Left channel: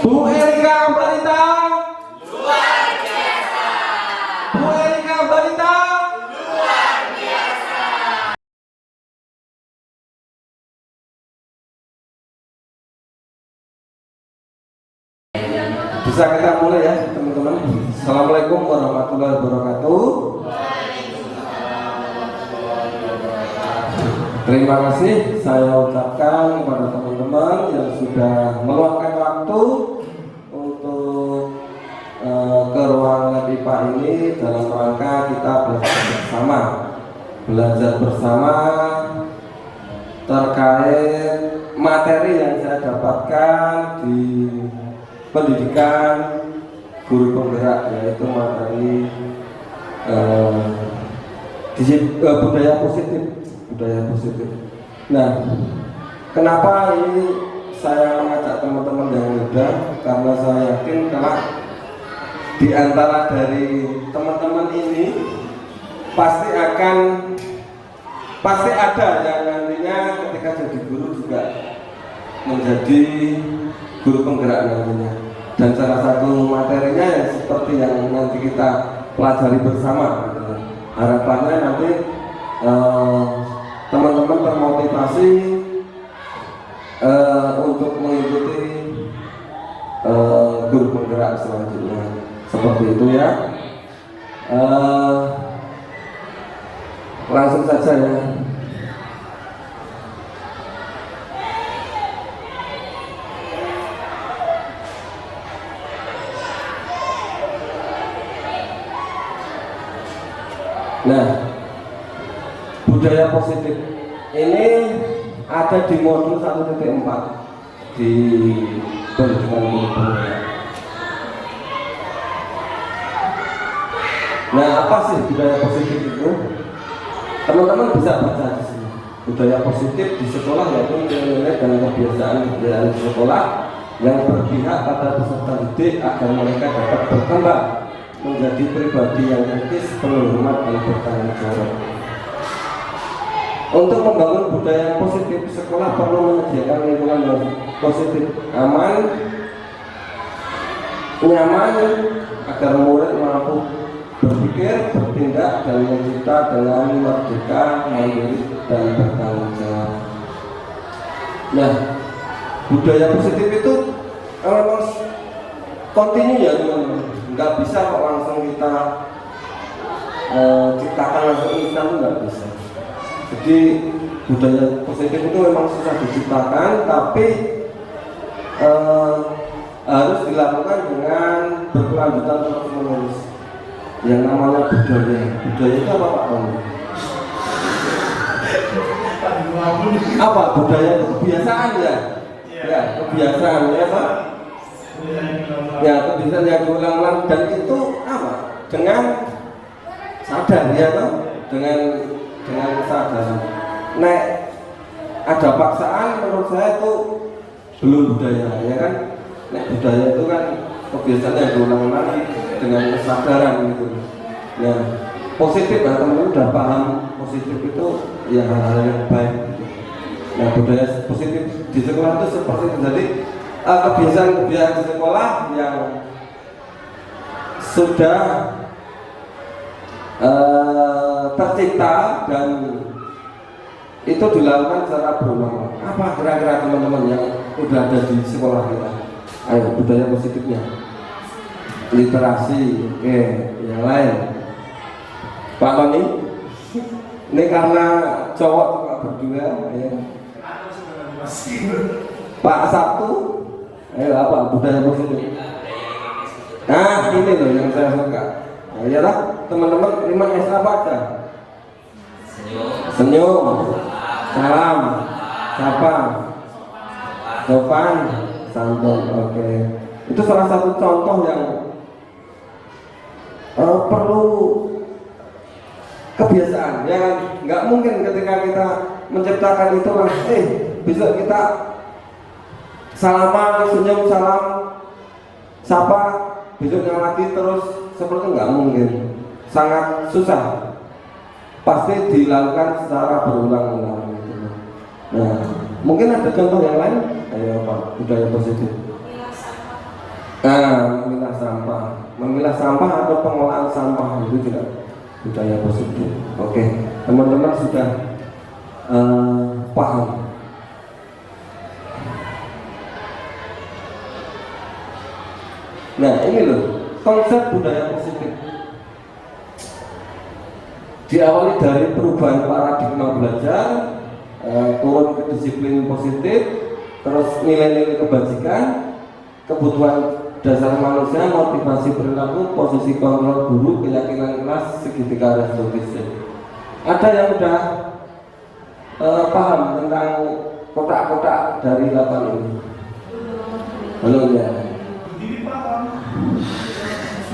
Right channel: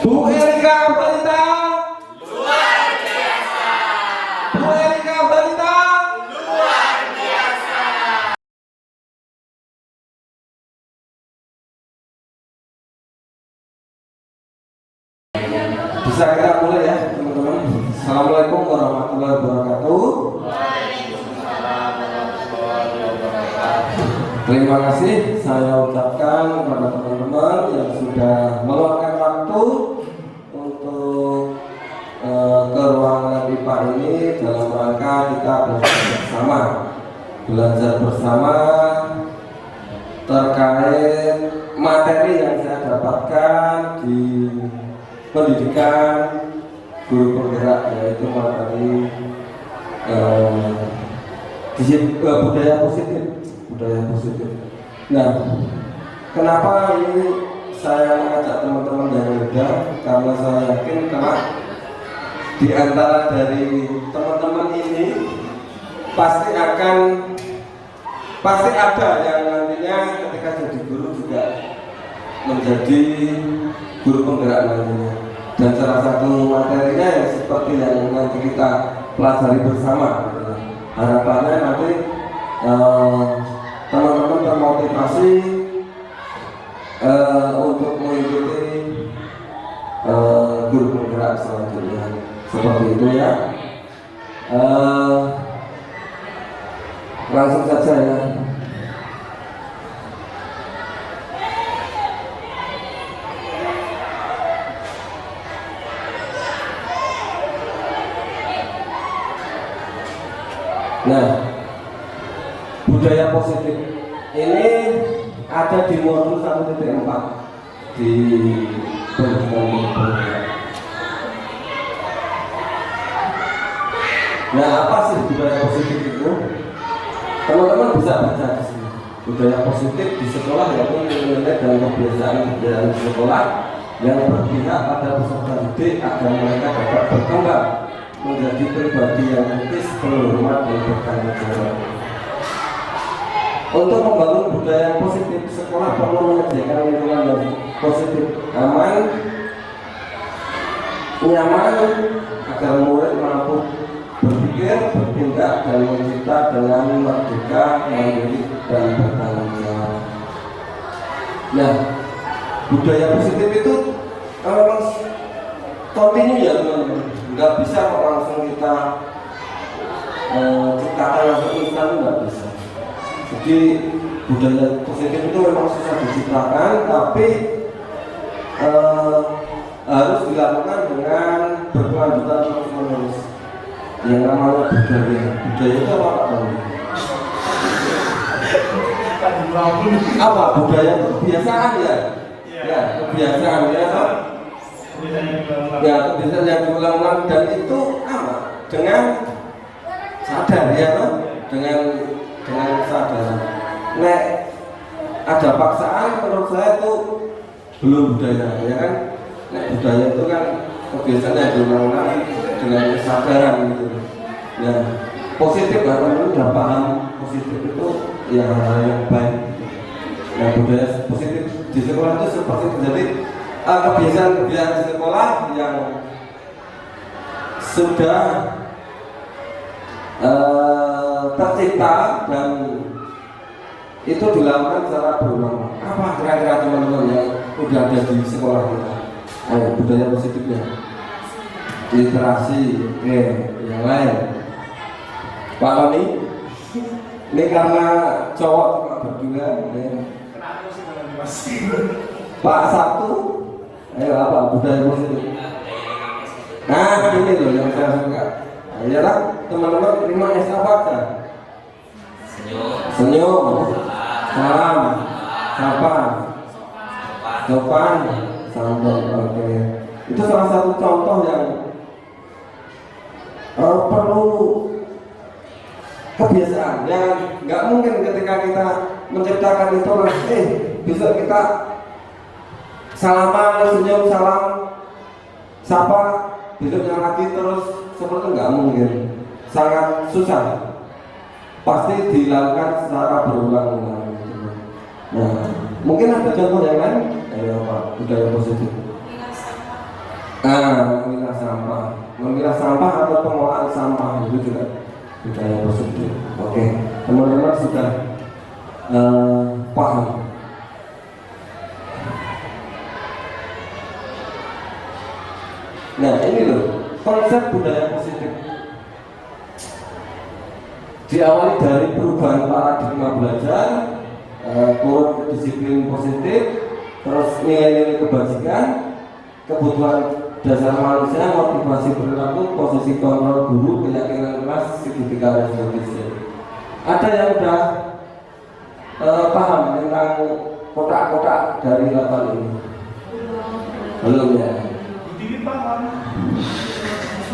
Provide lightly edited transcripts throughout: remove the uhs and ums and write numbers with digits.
Bu Erika Balita. Luar biasa. Bu Erika Balita. Luar biasa. Bisa kita mulai ya teman-teman. Assalamualaikum warahmatullahi wabarakatuh. Terima kasih saya ucapkan kepada teman-teman yang sudah meluangkan waktu untuk ke ruangan IPA ini dalam rangka kita belajar bersama terkait materi yang saya dapatkan di pendidikan guru penggerak, yaitu materi budaya positif. Nah, kenapa ini saya mengajak teman-teman yang muda? Karena saya yakin di antara dari teman-teman ini pasti ada yang nantinya ketika jadi guru juga menjadi guru penggerak nantinya. Dan salah satu materinya ya seperti yang nanti kita pelajari bersama. Harapannya nanti teman-teman termotivasi untuk mengikuti guru penggerak selanjutnya, seperti itu ya. Langsung saja ya. Nah, budaya positif ini ada di modul 1.4 di pendidikan budaya. Nah, apa sih budaya positif itu? Teman-teman bisa baca di sini. Budaya positif di sekolah yaitu nilai dan kebiasaan di sekolah yang berpihak pada peserta didik agar mereka dapat berkembang menjadi pribadi yang etis, berhormat dan bertanggung. Untuk membangun budaya positif, sekolah perlu menyediakan lingkungan yang positif, aman, nyaman, agar murid mampu berpikir, bertindak, dan mencipta dengan merdeka, mandiri, dan bertanggung jawab. Nah, budaya positif itu kontinu ya, nggak bisa kok langsung kita ciptakan langsung instan, nggak bisa. Jadi budaya positif itu memang susah diciptakan, tapi harus dilakukan dengan berkelanjutan terus-menerus. Yang namanya budaya itu apa budaya itu kebiasaan ya? Ya, kebiasaan biasa. Ya, kebiasaan yang berulang dan itu apa? Dengan sadar ya, dengan sadar. Nek ada paksaan, menurut saya itu belum budaya, ya kan? Nek budaya itu kan kebiasaan yang berulang-ulang dengan kesadaran gitu. Ya, positif lah, teman-teman udah paham positif itu ya hal yang baik. Nah, budaya positif di sekolah itu seperti itu. Jadi kebiasaan-kebiasaan di sekolah yang sudah tercipta dan itu dilakukan secara berulang. Apa kira-kira teman-teman yang udah ada di sekolah kita? Budaya positifnya, literasi, yang lain. Pak Noni, ini karena cowok berdua, ya. Pak Sabtu, ayo apa budaya positif? Nah, ini loh yang saya suka. Iyalah, teman-teman terima kasih apa aja? Senyum, salam, sapa, sopan, santun. Oke. Itu salah satu contoh yang perlu kebiasaan. Yang nggak mungkin ketika kita menciptakan itu besok kita salaman, senyum, salam, sapa, besoknya lagi terus seperti itu nggak mungkin. Sangat susah. Pasti dilakukan secara berulang-ulang. Nah, mungkin ada contoh yang lain? Apa budaya positif? sampah atau pengolahan sampah itu kan budaya positif. Oke, teman-teman sudah paham. Nah ini loh konsep budaya positif diawali dari perubahan paradigma belajar, turun ke disiplin positif, terus nilai-nilai kebajikan, kebutuhan dasar manusia, motivasi berlaku, posisi kontrol guru, keyakinan kelas, segitiga restoratif. Ada yang sudah paham tentang kotak-kotak dari apa ini? Belum ya?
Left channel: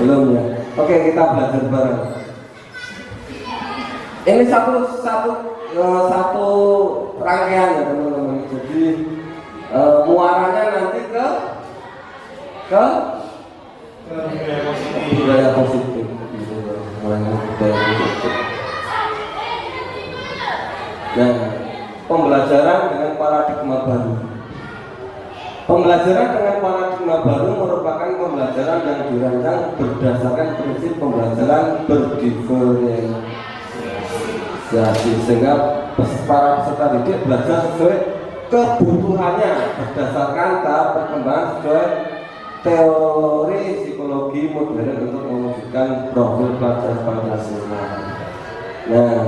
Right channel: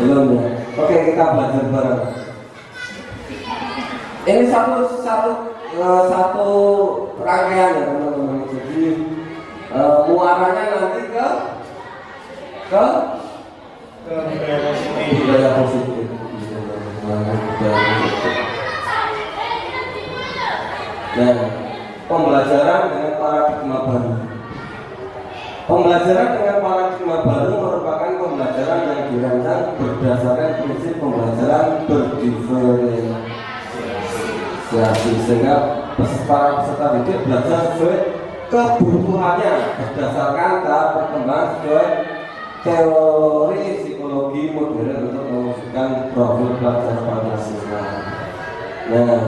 Belum ya? Oke, kita belajar bareng. Ini satu rangkaian ya teman-teman. Jadi muaranya nanti ke budaya positif. Dan pembelajaran dengan paradigma baru. Pembelajaran dengan paradigma baru merupakan pembelajaran yang dirancang berdasarkan prinsip pembelajaran berdiferensiasi, sehingga para peserta itu belajar sesuai kebutuhannya berdasarkan tahap perkembangan sesuai teori psikologi modern untuk mewujudkan profil pelajar Pancasila. Nah,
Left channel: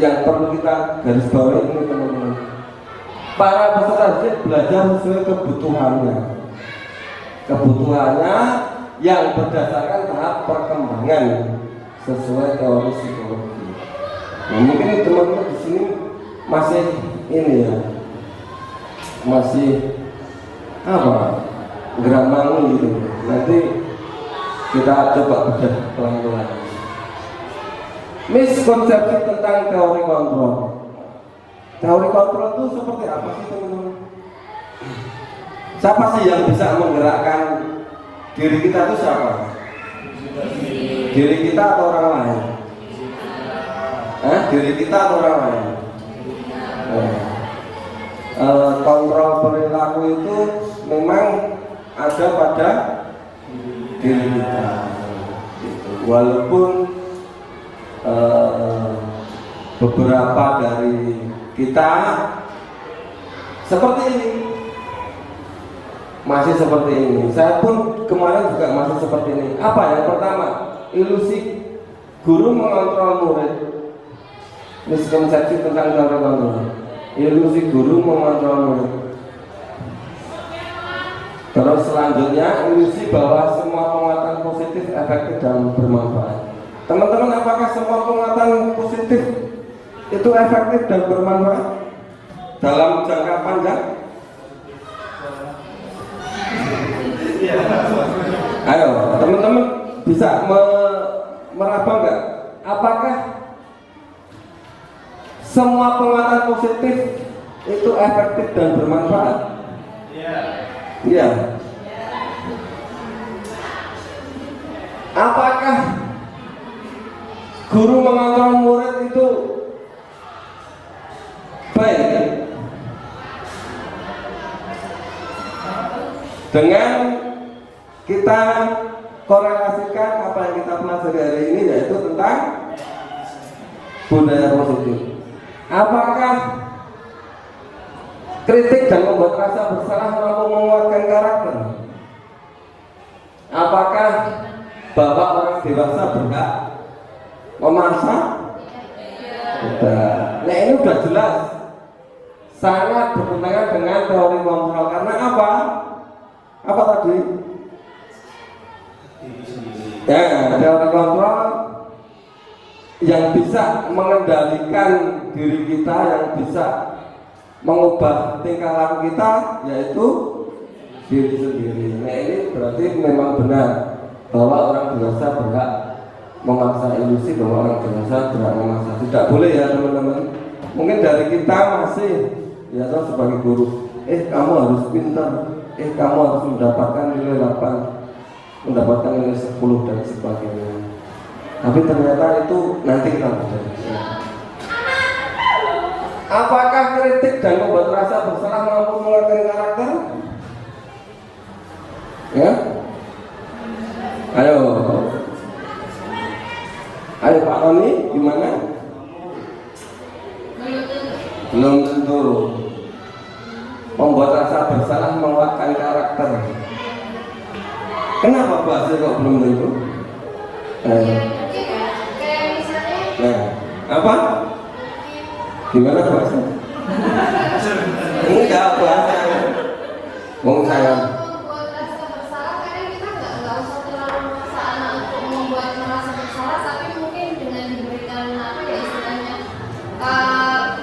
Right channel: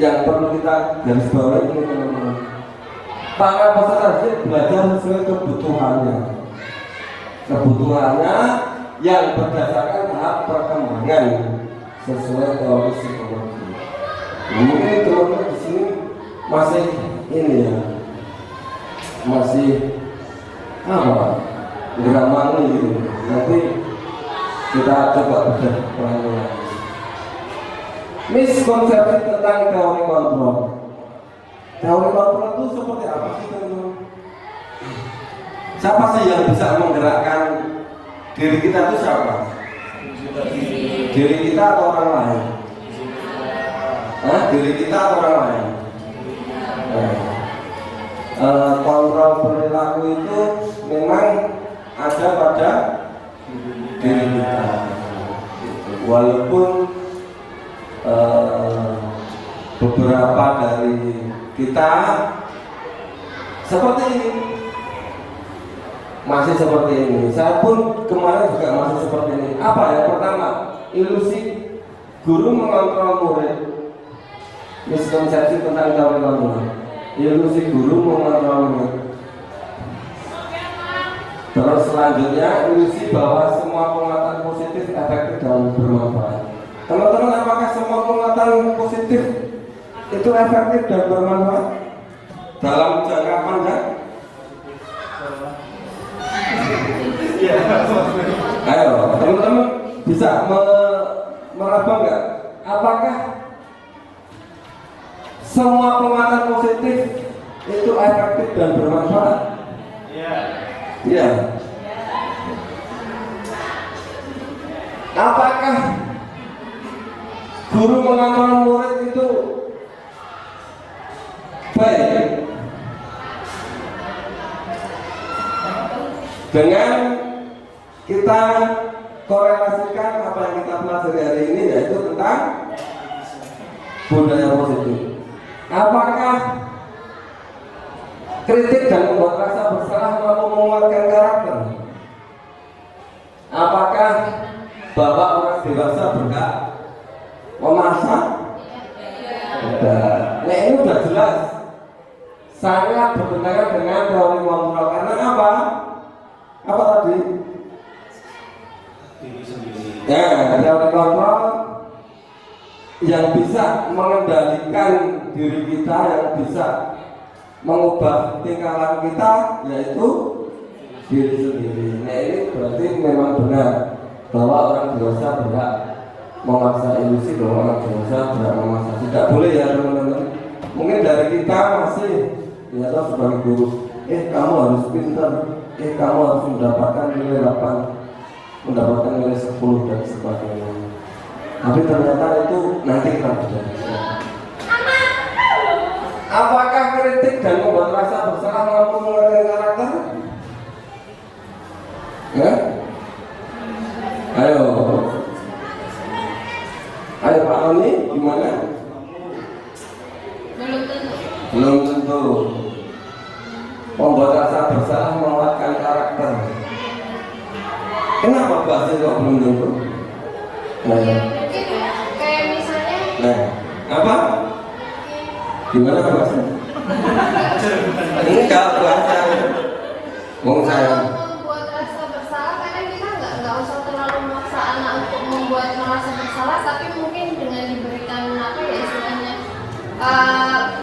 yang perlu kita garis bawahi ini teman-teman, para peserta didik belajar sesuai kebutuhannya yang berdasarkan tahap perkembangan sesuai teori psikologi. Nah, mungkin teman-teman di sini masih ini ya, masih apa? Gerak mau gitu. Nanti kita coba ulang-ulang. Miskonsepsi tentang teori kontrol. Teori kontrol itu seperti apa sih teman-teman? Siapa sih yang bisa menggerakkan diri kita itu siapa? Diri kita atau orang lain? Diri kita atau orang lain? Kontrol perilaku itu memang ada pada diri kita, walaupun beberapa dari kita seperti ini, masih seperti ini. Saya pun kemarin juga masih seperti ini. Apa yang pertama? Ilusi guru mengontrol murid. Miskonsepsi tentang teori kontrol. Ilusi guru mengontrol murid. Terus selanjutnya ilusi bahwa semua penguatan positif efektif dalam bermanfaat. Teman-teman, apakah semua penguatan positif itu efektif dan bermanfaat dalam jangka panjang? Ayo, teman-teman bisa meraba nggak? Apakah semua penguatan positif itu efektif dan bermanfaat? Ya. Apakah guru mengontrol murid itu baik? Dengan kita korelasikan apa yang kita pelajari hari ini, yaitu tentang budaya positif. Apakah kritik dan membuat rasa bersalah mampu menguatkan karakter? Apakah bapak orang dewasa berhak memasak? Nah, ini sudah jelas sangat bertentangan dengan teori kontrol. Karena apa? Apa tadi? Ya, teori kontrol yang bisa mengendalikan diri kita, yang bisa mengubah tingkah laku kita, yaitu diri sendiri. Nah, ini berarti memang benar bahwa orang dewasa berhak memaksa ilusi, bahwa orang dewasa berhak memaksa. Tidak boleh ya teman-teman. Mungkin dari kita masih ya sebagai guru, kamu harus pintar, kamu harus mendapatkan nilai 8, mendapatkan nilai 10 dan sebagainya. Tapi ternyata itu nanti kita bisa. Apakah kritik dan membuat rasa bersalah mampu menguatkan karakter? Ya, ayo Ayo Pak Roni, gimana? Belum tentu. Pembuat rasa bersalah menguatkan karakter. Kenapa Pak Sir kok belum tentu? Kayak misalnya. Nah, apa? Gimana Pak Sir? Enggak, bahasa. Wong saya. Membuat rasa bersalah, karena kita nggak usah terlalu memaksa anak untuk membuat merasa bersalah, tapi mungkin dengan diberikan apa ya istilahnya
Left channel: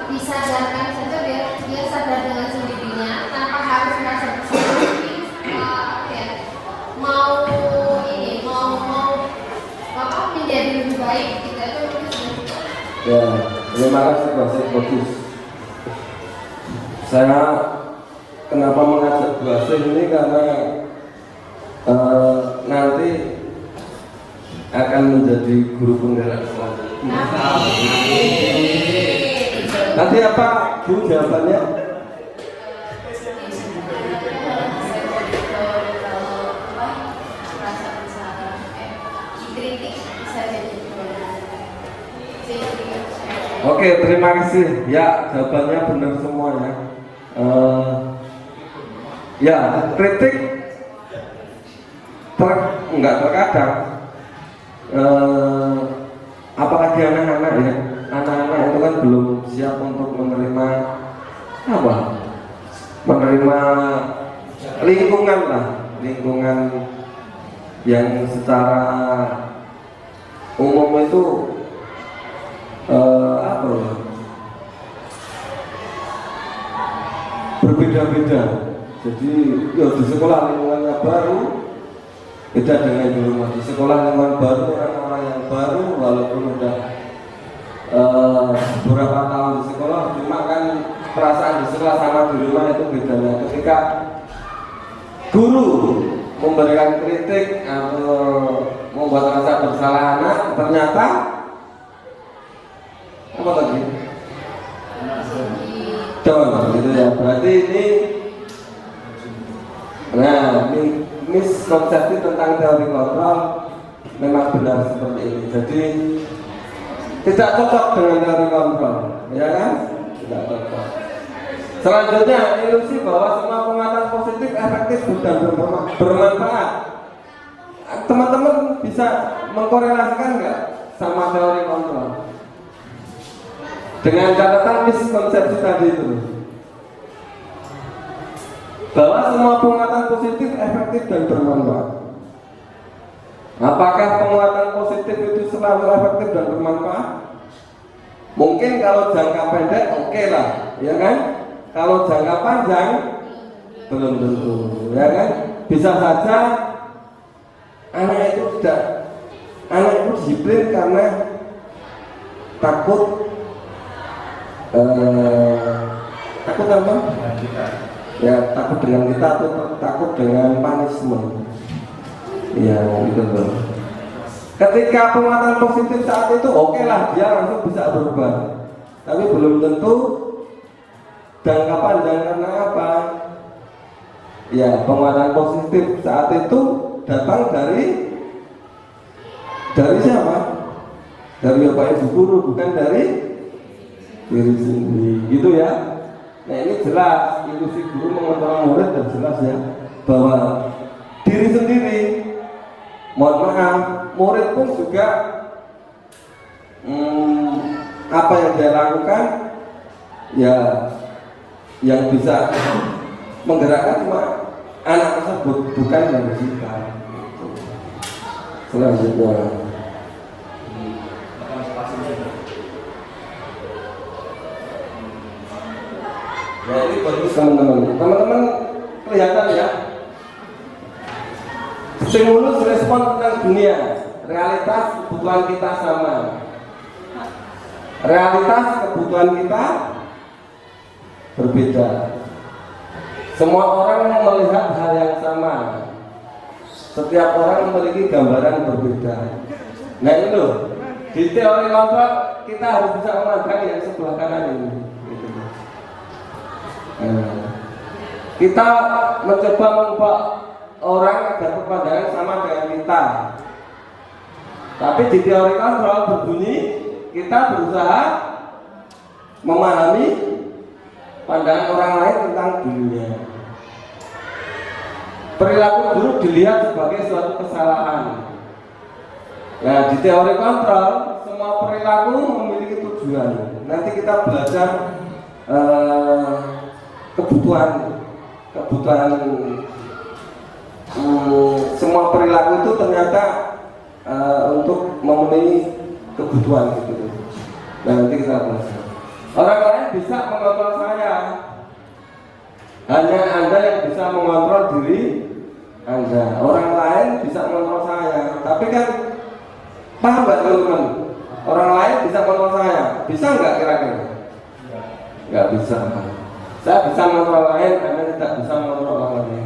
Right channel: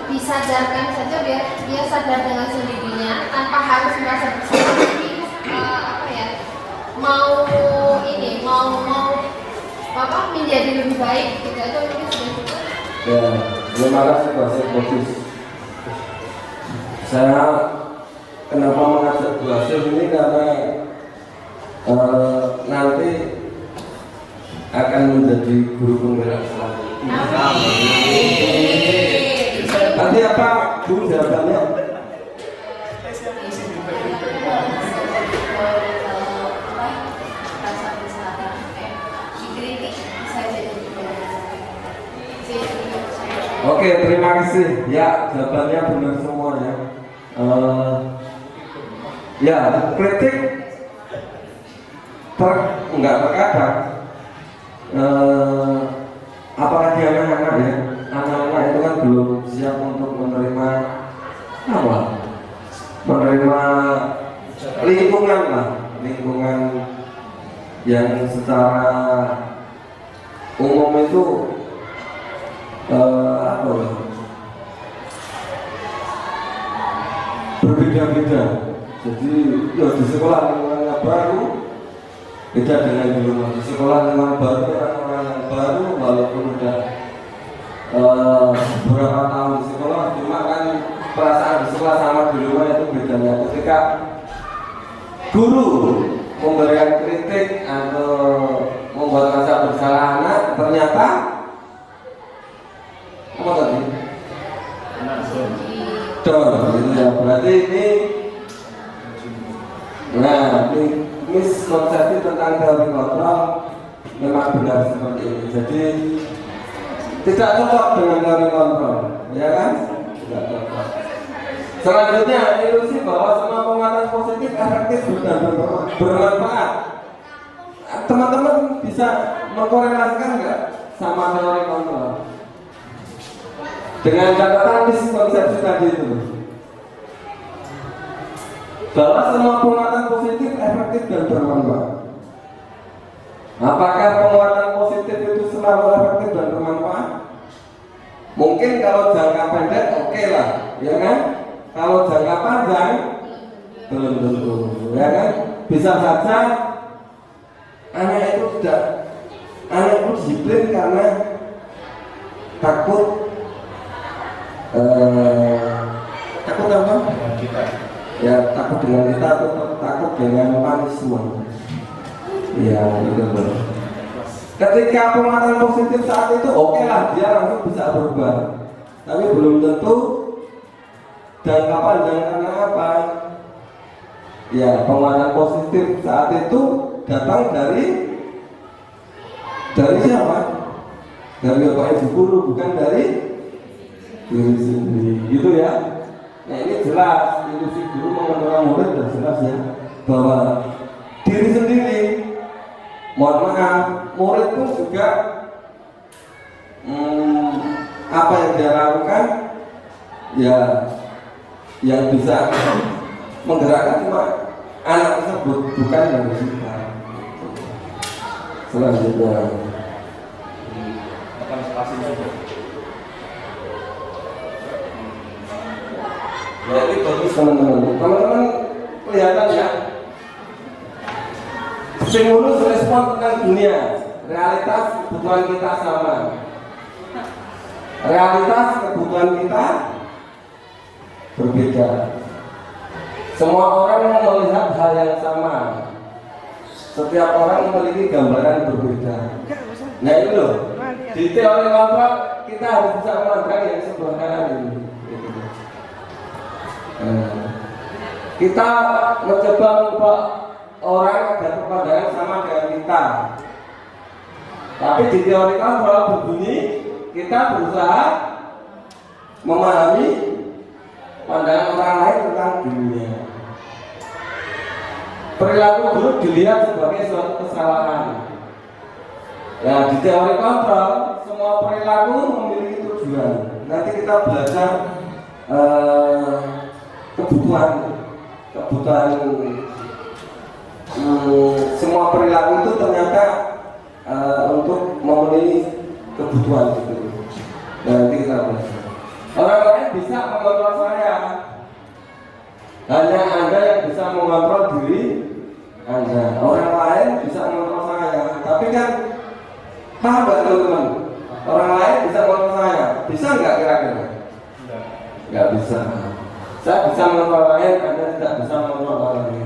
disadarkan saja biar dia sadar dengan sendirinya tanpa harus merasa bersalah. Tapi apa ya mau apa menjadi lebih baik gitu aja mungkin sudah cukup. Ya, terima kasih Pak Sir. Saya kenapa mengajak Bu Asih ini karena nanti akan menjadi guru penggerak selanjutnya. Nanti apa Bu jawabannya? Oke, terima kasih. Ya, jawabannya benar semua ya. Ya, kritik enggak terkadang. Apalagi anak-anak ya, anak-anak itu kan belum siap untuk menerima apa? Menerima lingkungan lah, lingkungan yang secara umum itu apa ya? Berbeda-beda. Jadi ya di sekolah lingkungan yang baru beda dengan dulu. Di sekolah lingkungan baru orang yang baru walaupun udah beberapa tahun di sekolah, cuma kan perasaan di sekolah sama di rumah itu beda ya. Ketika guru memberikan kritik atau membuat rasa bersalah anak, ternyata apa tadi? Gitu ya. Berarti ini miskonsepsi tentang teori kontrol memang benar seperti ini. Jadi tidak cocok dengan teori kontrol, ya kan? Selanjutnya ilusi bahwa semua pengawasan positif efektif dan bermanfaat. Teman-teman bisa mengkorelasikan nggak sama teori kontrol? Dengan catatan miskonsepsi tadi itu, bahwa semua penguatan positif efektif dan bermanfaat. Apakah penguatan positif itu selalu efektif dan bermanfaat? Mungkin kalau jangka pendek oke lah, ya kan? Kalau jangka panjang belum tentu, ya kan? Bisa saja anak itu disiplin karena takut apa? Kita. Ya takut dengan kita atau takut dengan punishment. Ya betul. Ketika pengaruh positif saat itu oke lah, dia langsung bisa berubah. Tapi belum tentu jangka panjang karena apa? Ya pengaruh positif saat itu datang dari siapa? Dari apa ibu guru, bukan dari diri sendiri, gitu ya. Nah ini jelas, ilusi guru mengenal murid dan jelas ya bahwa diri sendiri, mohon maaf, murid pun juga apa yang dia lakukan ya yang bisa menggerakkan cuma anak tersebut, bukan yang kita. Selanjutnya ya ini bagus teman-teman kelihatan ya. Stimulus respon tentang dunia, realitas kebutuhan kita sama. Realitas kebutuhan kita berbeda. Semua orang melihat hal yang sama. Setiap orang memiliki gambaran berbeda. Nah itu loh, di teori kontrol kita harus bisa memandang yang sebelah kanan ini. Kita mencoba mengubah orang dan pandangan sama dengan kita. Tapi di teori kontrol berbunyi kita berusaha memahami pandangan orang lain tentang dunia. Perilaku buruk dilihat sebagai suatu kesalahan. Nah, di teori kontrol semua perilaku memiliki tujuan. Nanti kita belajar kebutuhan semua perilaku itu ternyata untuk memenuhi kebutuhan itu. Nanti kita belajar. Orang lain bisa mengontrol saya, hanya Anda yang bisa mengontrol diri Anda. Orang lain bisa mengontrol saya, tapi kan paham nggak teman-teman? Orang lain bisa mengontrol saya, bisa nggak kira-kira? Nggak bisa. Saya bisa mengontrol lain karena tidak bisa mengontrol orang lain.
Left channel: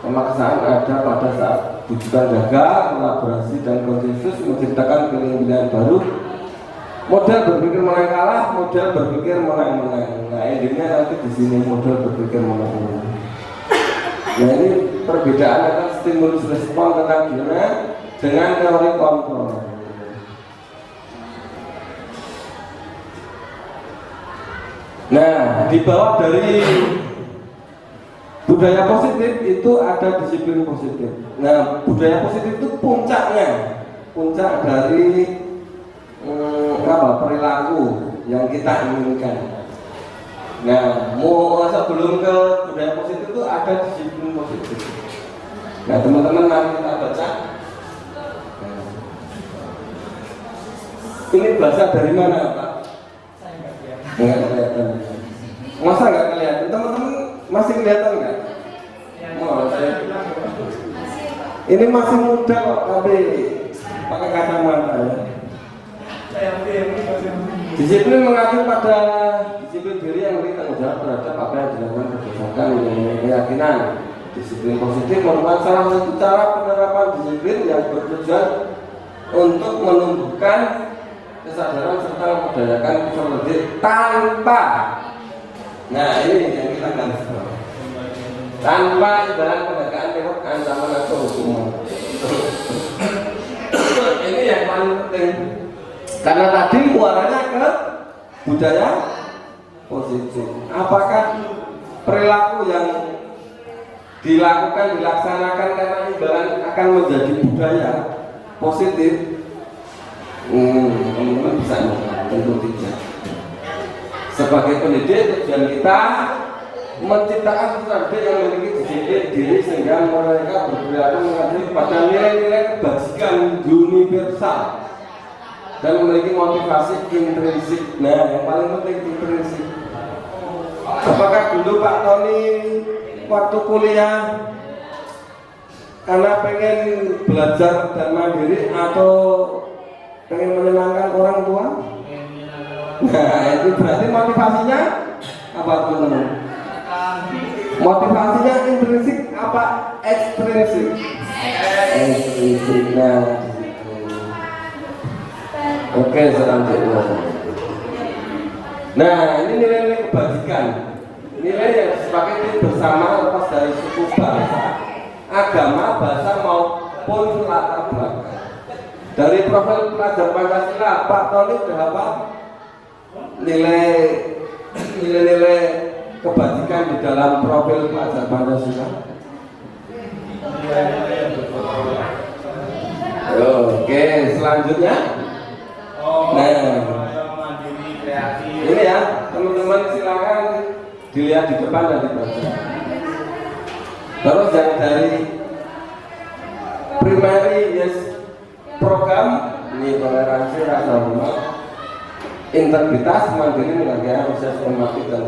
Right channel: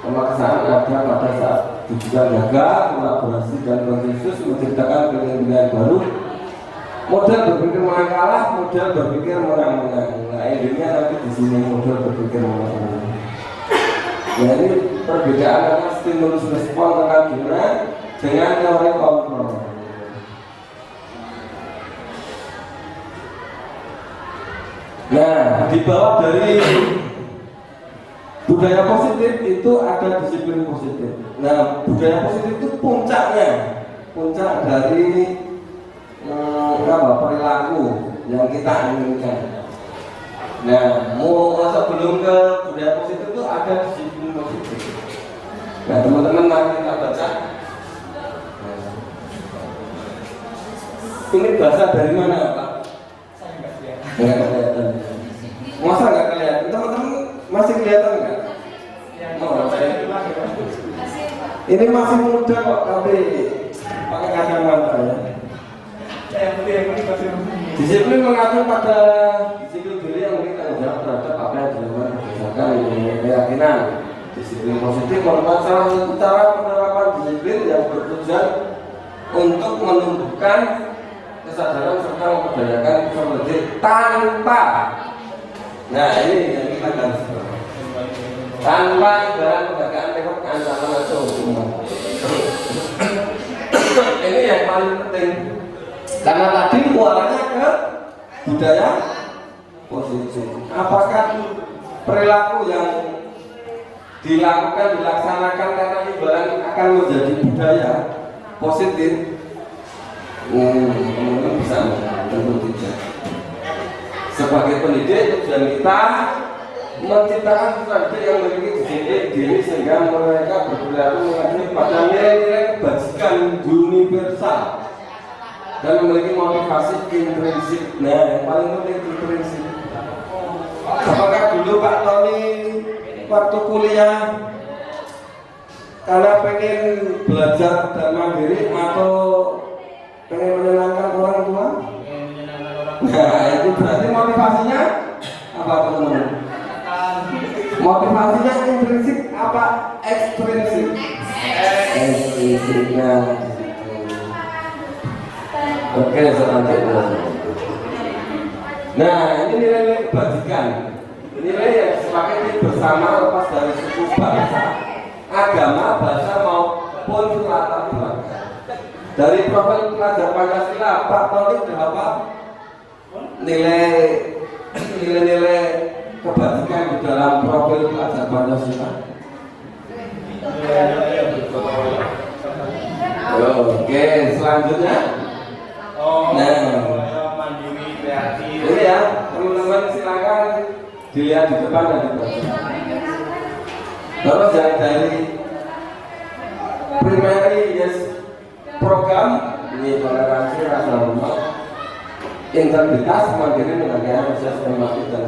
Pemaksaan ada pada saat tujuan jaga, kolaborasi dan konsensus menciptakan pilihan-pilihan baru. Modal berpikir menang-kalah, modal berpikir menang-menang. Nah, endingnya nanti di sini modal berpikir menang-menang. Jadi perbedaan antara stimulus respon tentang gina dengan teori kontrol. Nah, di bawah dari budaya positif itu ada disiplin positif. Nah, budaya positif itu puncak dari perilaku yang kita inginkan. Nah, sebelum ke budaya positif itu ada disiplin positif. Nah, teman-teman nanti kita baca. Ini bahasa dari mana, Pak? Masa nggak kelihatan? Teman-teman masih kelihatan nggak? Ini masih muda kok, tapi pakai kacamata ya. Disiplin mengatur pada disiplin diri yang kita menjawab terhadap apa yang dilakukan kebijakan keyakinan. Disiplin positif merupakan salah satu cara penerapan disiplin yang bertujuan untuk menumbuhkan kesadaran serta memperdayakan seperti tanpa. Nah, ini yang kita garis bawah. Tanpa ibarat penegakan teknik ancaman atau hukuman. Ini yang paling penting. Karena tadi muaranya ke budaya positif. Apakah perilaku yang dilaksanakan karena ibarat akan menjadi budaya positif? Bisa, tentu tidak. Sebagai pendidik tujuan kita menciptakan siswa yang memiliki diri sehingga mereka berperilaku mengerti pada nilai-nilai kebajikan universal dan memiliki motivasi intrinsik. Nah, yang paling penting intrinsik. Apakah dulu Pak Tony waktu kuliah karena pengen belajar dan mandiri atau pengen menyenangkan orang tua? Nah, itu berarti motivasinya apa teman-teman? Motivasinya intrinsik apa ekstrinsik? Nah, oke, selanjutnya. Nah, ini nilai kebajikan. Nilai yang disepakati bersama lepas dari suku bangsa, agama, bahasa maupun latar belakang. Dari profil pelajar Pancasila, Pak Tony berapa nilai kebajikan di dalam profil pelajar Pancasila? Oke, selanjutnya. Nah, ini ya, teman-teman silakan dilihat di depan dan di belakang. Terus dari primary program ini toleransi rasa hormat, integritas, mandiri, pengertian, proses pembangkitan,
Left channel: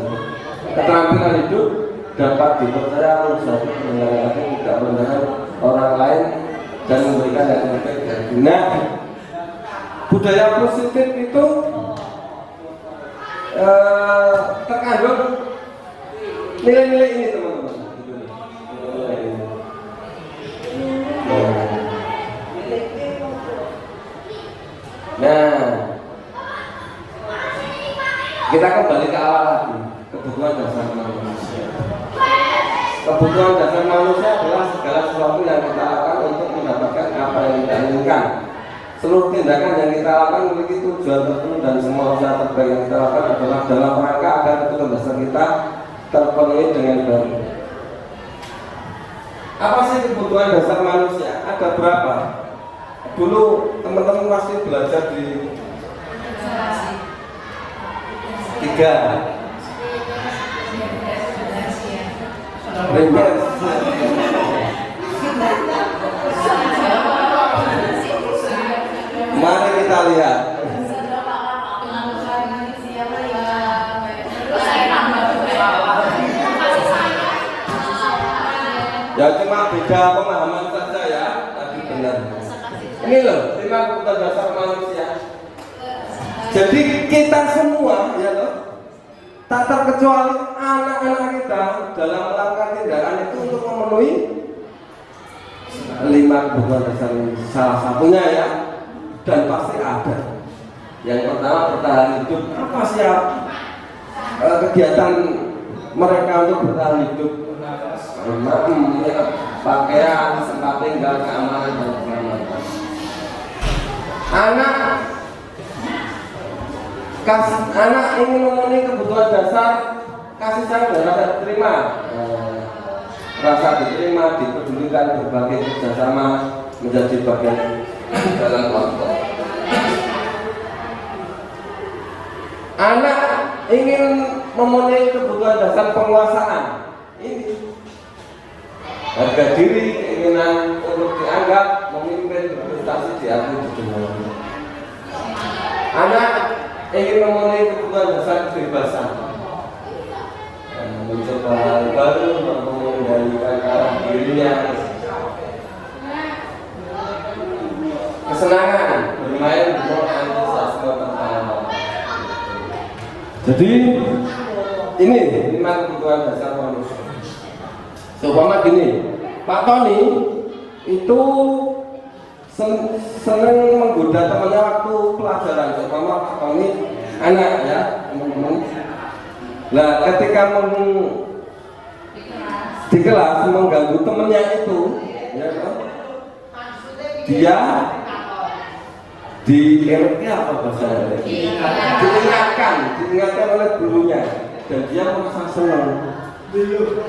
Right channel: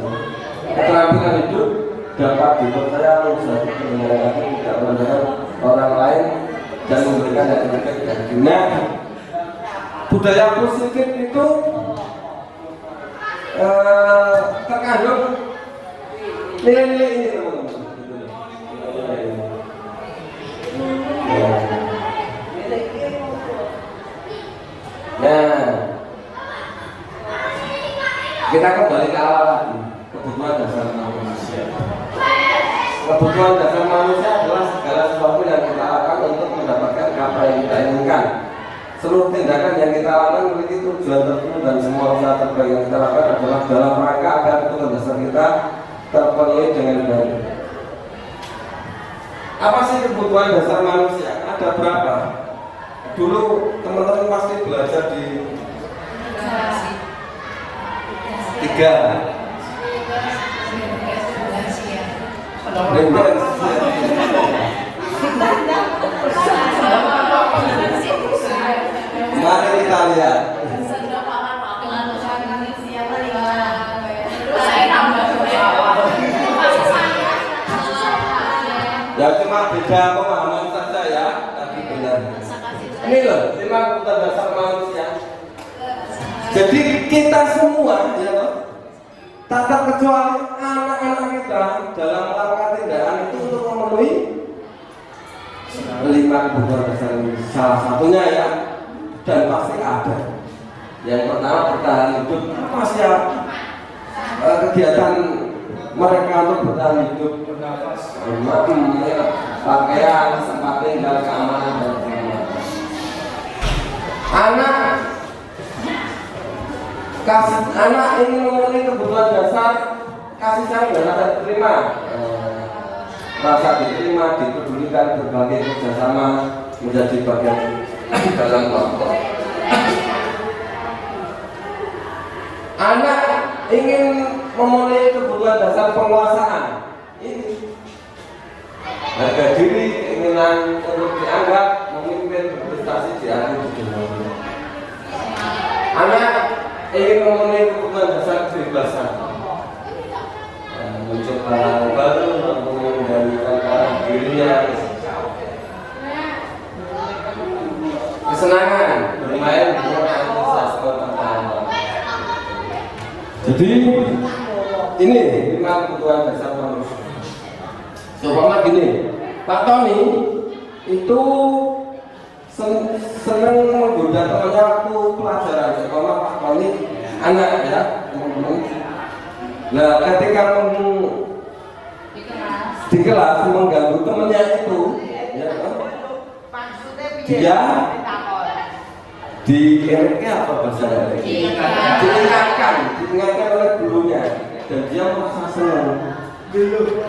keterampilan hidup dapat dipercaya atau bisa tidak berdosa orang lain dan memberikan yang terbaik dari dunia. Budaya positif itu terkandung nilai-nilai ini, teman-teman. Nah, kita kembali ke awal lagi. Kebutuhan dasar manusia. Kebutuhan dasar manusia adalah segala sesuatu yang kita lakukan untuk mendapatkan apa yang kita inginkan. seluruh tindakan yang kita lakukan memiliki tujuan tertentu dan semua usaha terbaik yang kita lakukan adalah dalam rangka agar kebutuhan dasar kita terpenuhi dengan baik. Apa sih kebutuhan dasar manusia? Ada berapa? Dulu teman-teman pasti belajar di 3. Mari kita lihat. Ya cuma beda pemahaman saja ya, tapi benar. Ini loh, 5 kebutuhan dasar manusia. Jadi kita semua, ya loh, tanpa kecuali anak-anak kita dalam melakukan tindakan itu untuk memenuhi 5 kebutuhan dasar ini. Salah satunya ya, dan pasti ada. Yang pertama bertahan hidup. Apa sih kegiatan mereka untuk bertahan hidup? Pakaian, tempat tinggal, keamanan. Anak ini memenuhi kebutuhan dasar kasih sayang dan rasa diterima, rasa diterima, dipedulikan, berbagi kerjasama, menjadi bagian dalam kelompok. Anak ingin memenuhi kebutuhan dasar penguasaan. Ini harga diri, keinginan untuk dianggap memimpin, berprestasi di atas dunia. Anak ingin memenuhi kebutuhan dasar kebebasan dan menciptakan baru untuk mengendalikan arah dirinya, kesenangan bermain organisasi pertama. Jadi ini 5 kebutuhan dasar manusia. Seumpama gini, Pak Tony itu senang menggoda temannya waktu pelajaran. Seumpama Pak Tony anak ya. Nah, ketika di kelas mengganggu temannya itu, ya kan? Dia diingatkan apa bahasanya? Diingatkan oleh gurunya, dan dia merasa senang.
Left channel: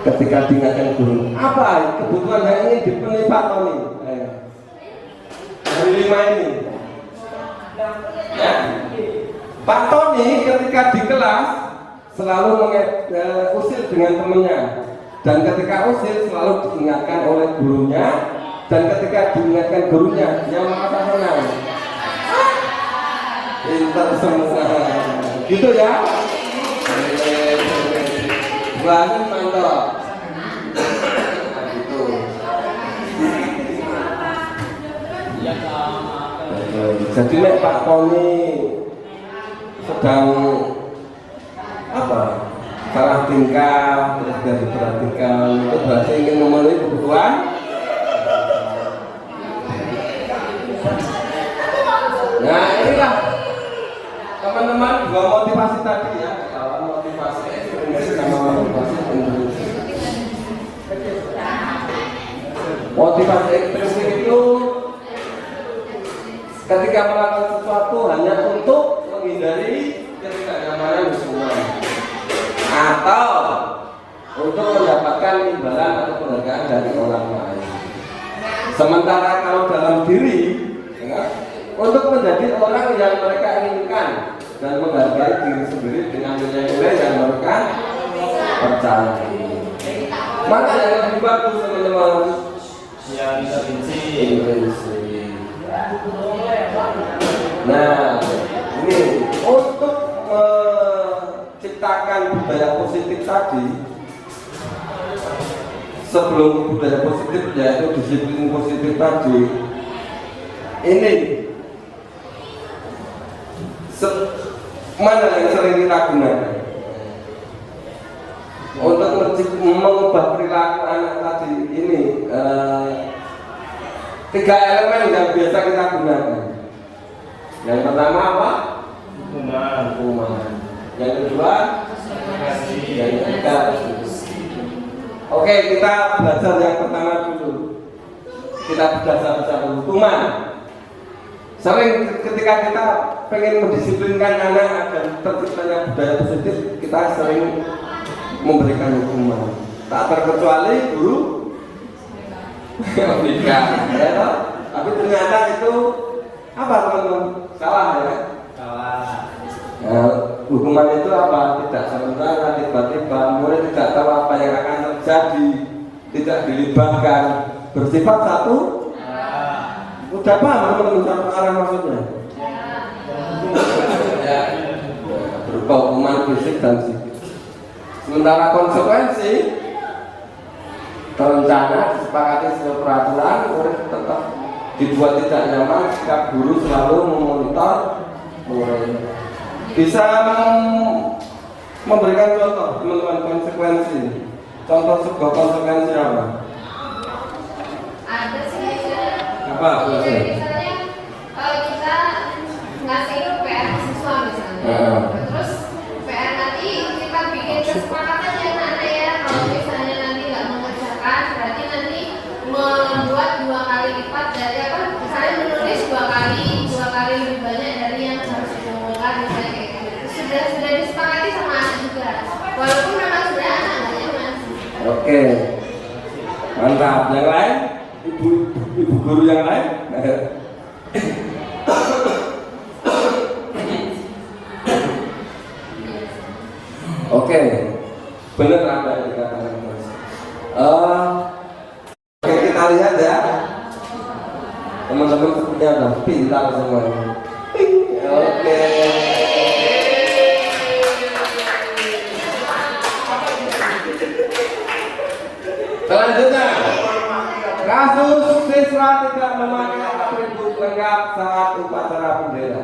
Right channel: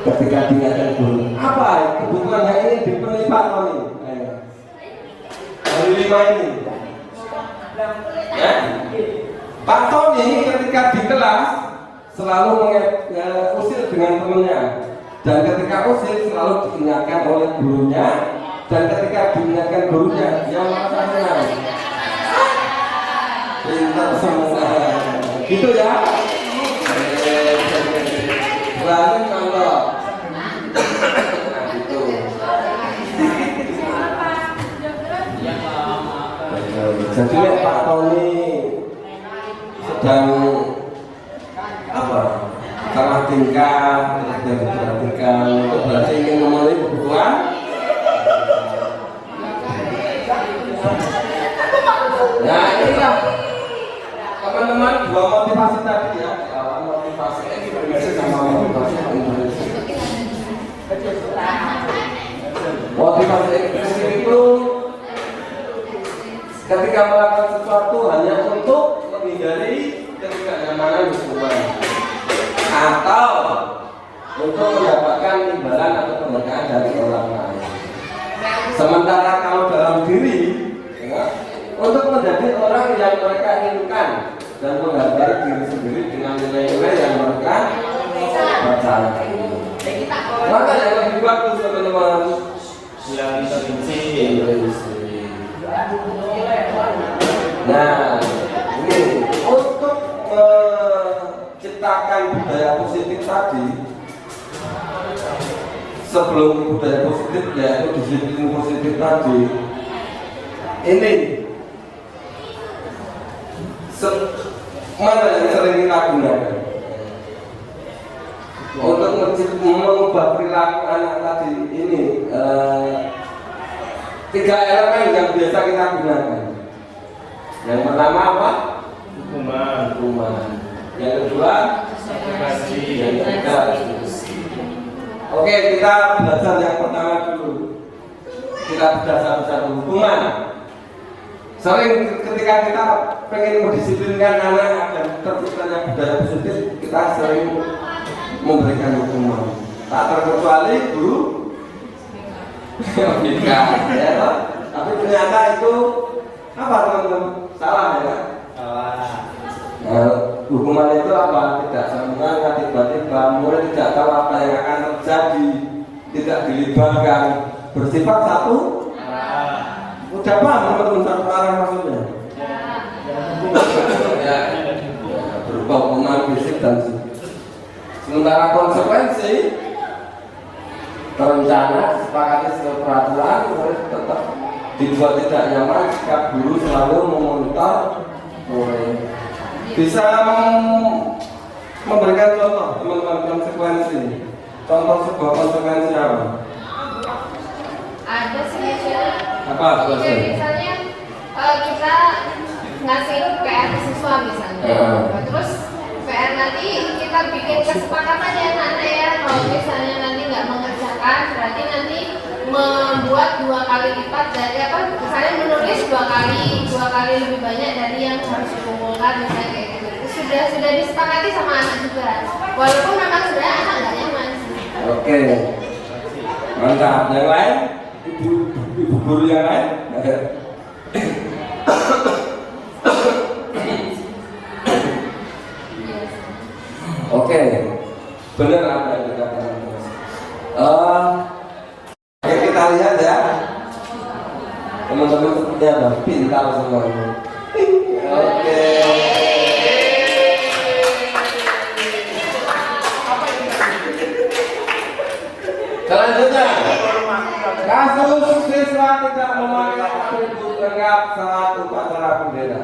Ketika diingatkan guru, apa kebutuhan yang ini dipenuhi Pak Tony? Dari 5 ini, ya. Pak Tony ketika di kelas selalu usir dengan temannya, dan ketika usir selalu diingatkan oleh gurunya, dan ketika diingatkan gurunya dia merasa senang. Pintar semua, gitu ya. Langsung mantap. Jadi Pak Tony sedang apa? Salah tingkah, tidak diperhatikan, berarti ingin memenuhi kebutuhan. Ya inilah teman-teman 2 motivasi tadi ya. Motivasi ekstremis sama motivasi komunis. Motivasi ekstremis itu ketika melakukan sesuatu hanya untuk menghindari ketidaknyamanan seseorang atau untuk mendapatkan imbalan atau keberkahan dari orang lain. Sementara kalau dalam diri ya, untuk menjadi orang yang mereka inginkan dan menghargai diri sendiri dengan nilai-nilai yang mereka percaya. Maka yang lebih bagus teman-teman yang inspirasi. Nah, ini untuk menciptakan budaya positif tadi, sebelum budaya positif yaitu disiplin positif tadi, ini mana yang sering kita gunakan untuk mengubah perilaku anak tadi ini? 3 elemen yang biasa kita gunakan. Yang pertama apa? Hukuman. Yang kedua? Yang ketiga? Oke, kita belajar yang pertama dulu. Kita belajar hukuman. Sering ketika kita pengen mendisiplinkan anak dan terciptanya budaya positif, kita sering memberikan hukuman. Tak terkecuali guru ya, tapi ternyata itu apa teman-teman? Salah ya? Hukuman itu apa? Tidak sempurna, tiba-tiba murid tidak tahu apa yang akan terjadi, tidak dilibatkan, bersifat satu. Udah paham teman-teman satu arah maksudnya? Berupa hukuman fisik dan psikis. Sementara konsekuensi rencana disepakati sebuah peraturan, murid tetap dibuat tidak nyaman jika guru selalu memonitor murid. Bisa memberikan contoh teman-teman konsekuensi. Contoh sebuah konsekuensi apa? Ada sih. Apa Misalnya kalau kita ngasih PR ke siswa misalnya, terus PR nanti kita bikin kesepakatan ya anak-anak ya, kalau misalnya nanti nggak mengerjakan, berarti nanti membuat 2 kali lipat dari apa? Misalnya menulis 2 kali lebih banyak dari yang harus dikumpulkan, misalnya kayak gitu. Sudah disepakati sama anak juga, walaupun memang sebenarnya anak nggak nyaman. Oke, mantap. Yang lain, ibu guru yang lain. Oke, benar apa yang dikatakan Mas? Oke, kita lihat ya, teman-teman seperti apa? Pintar semuanya. Oke. Selanjutnya, kasus siswa tidak memakai atribut lengkap saat upacara bendera.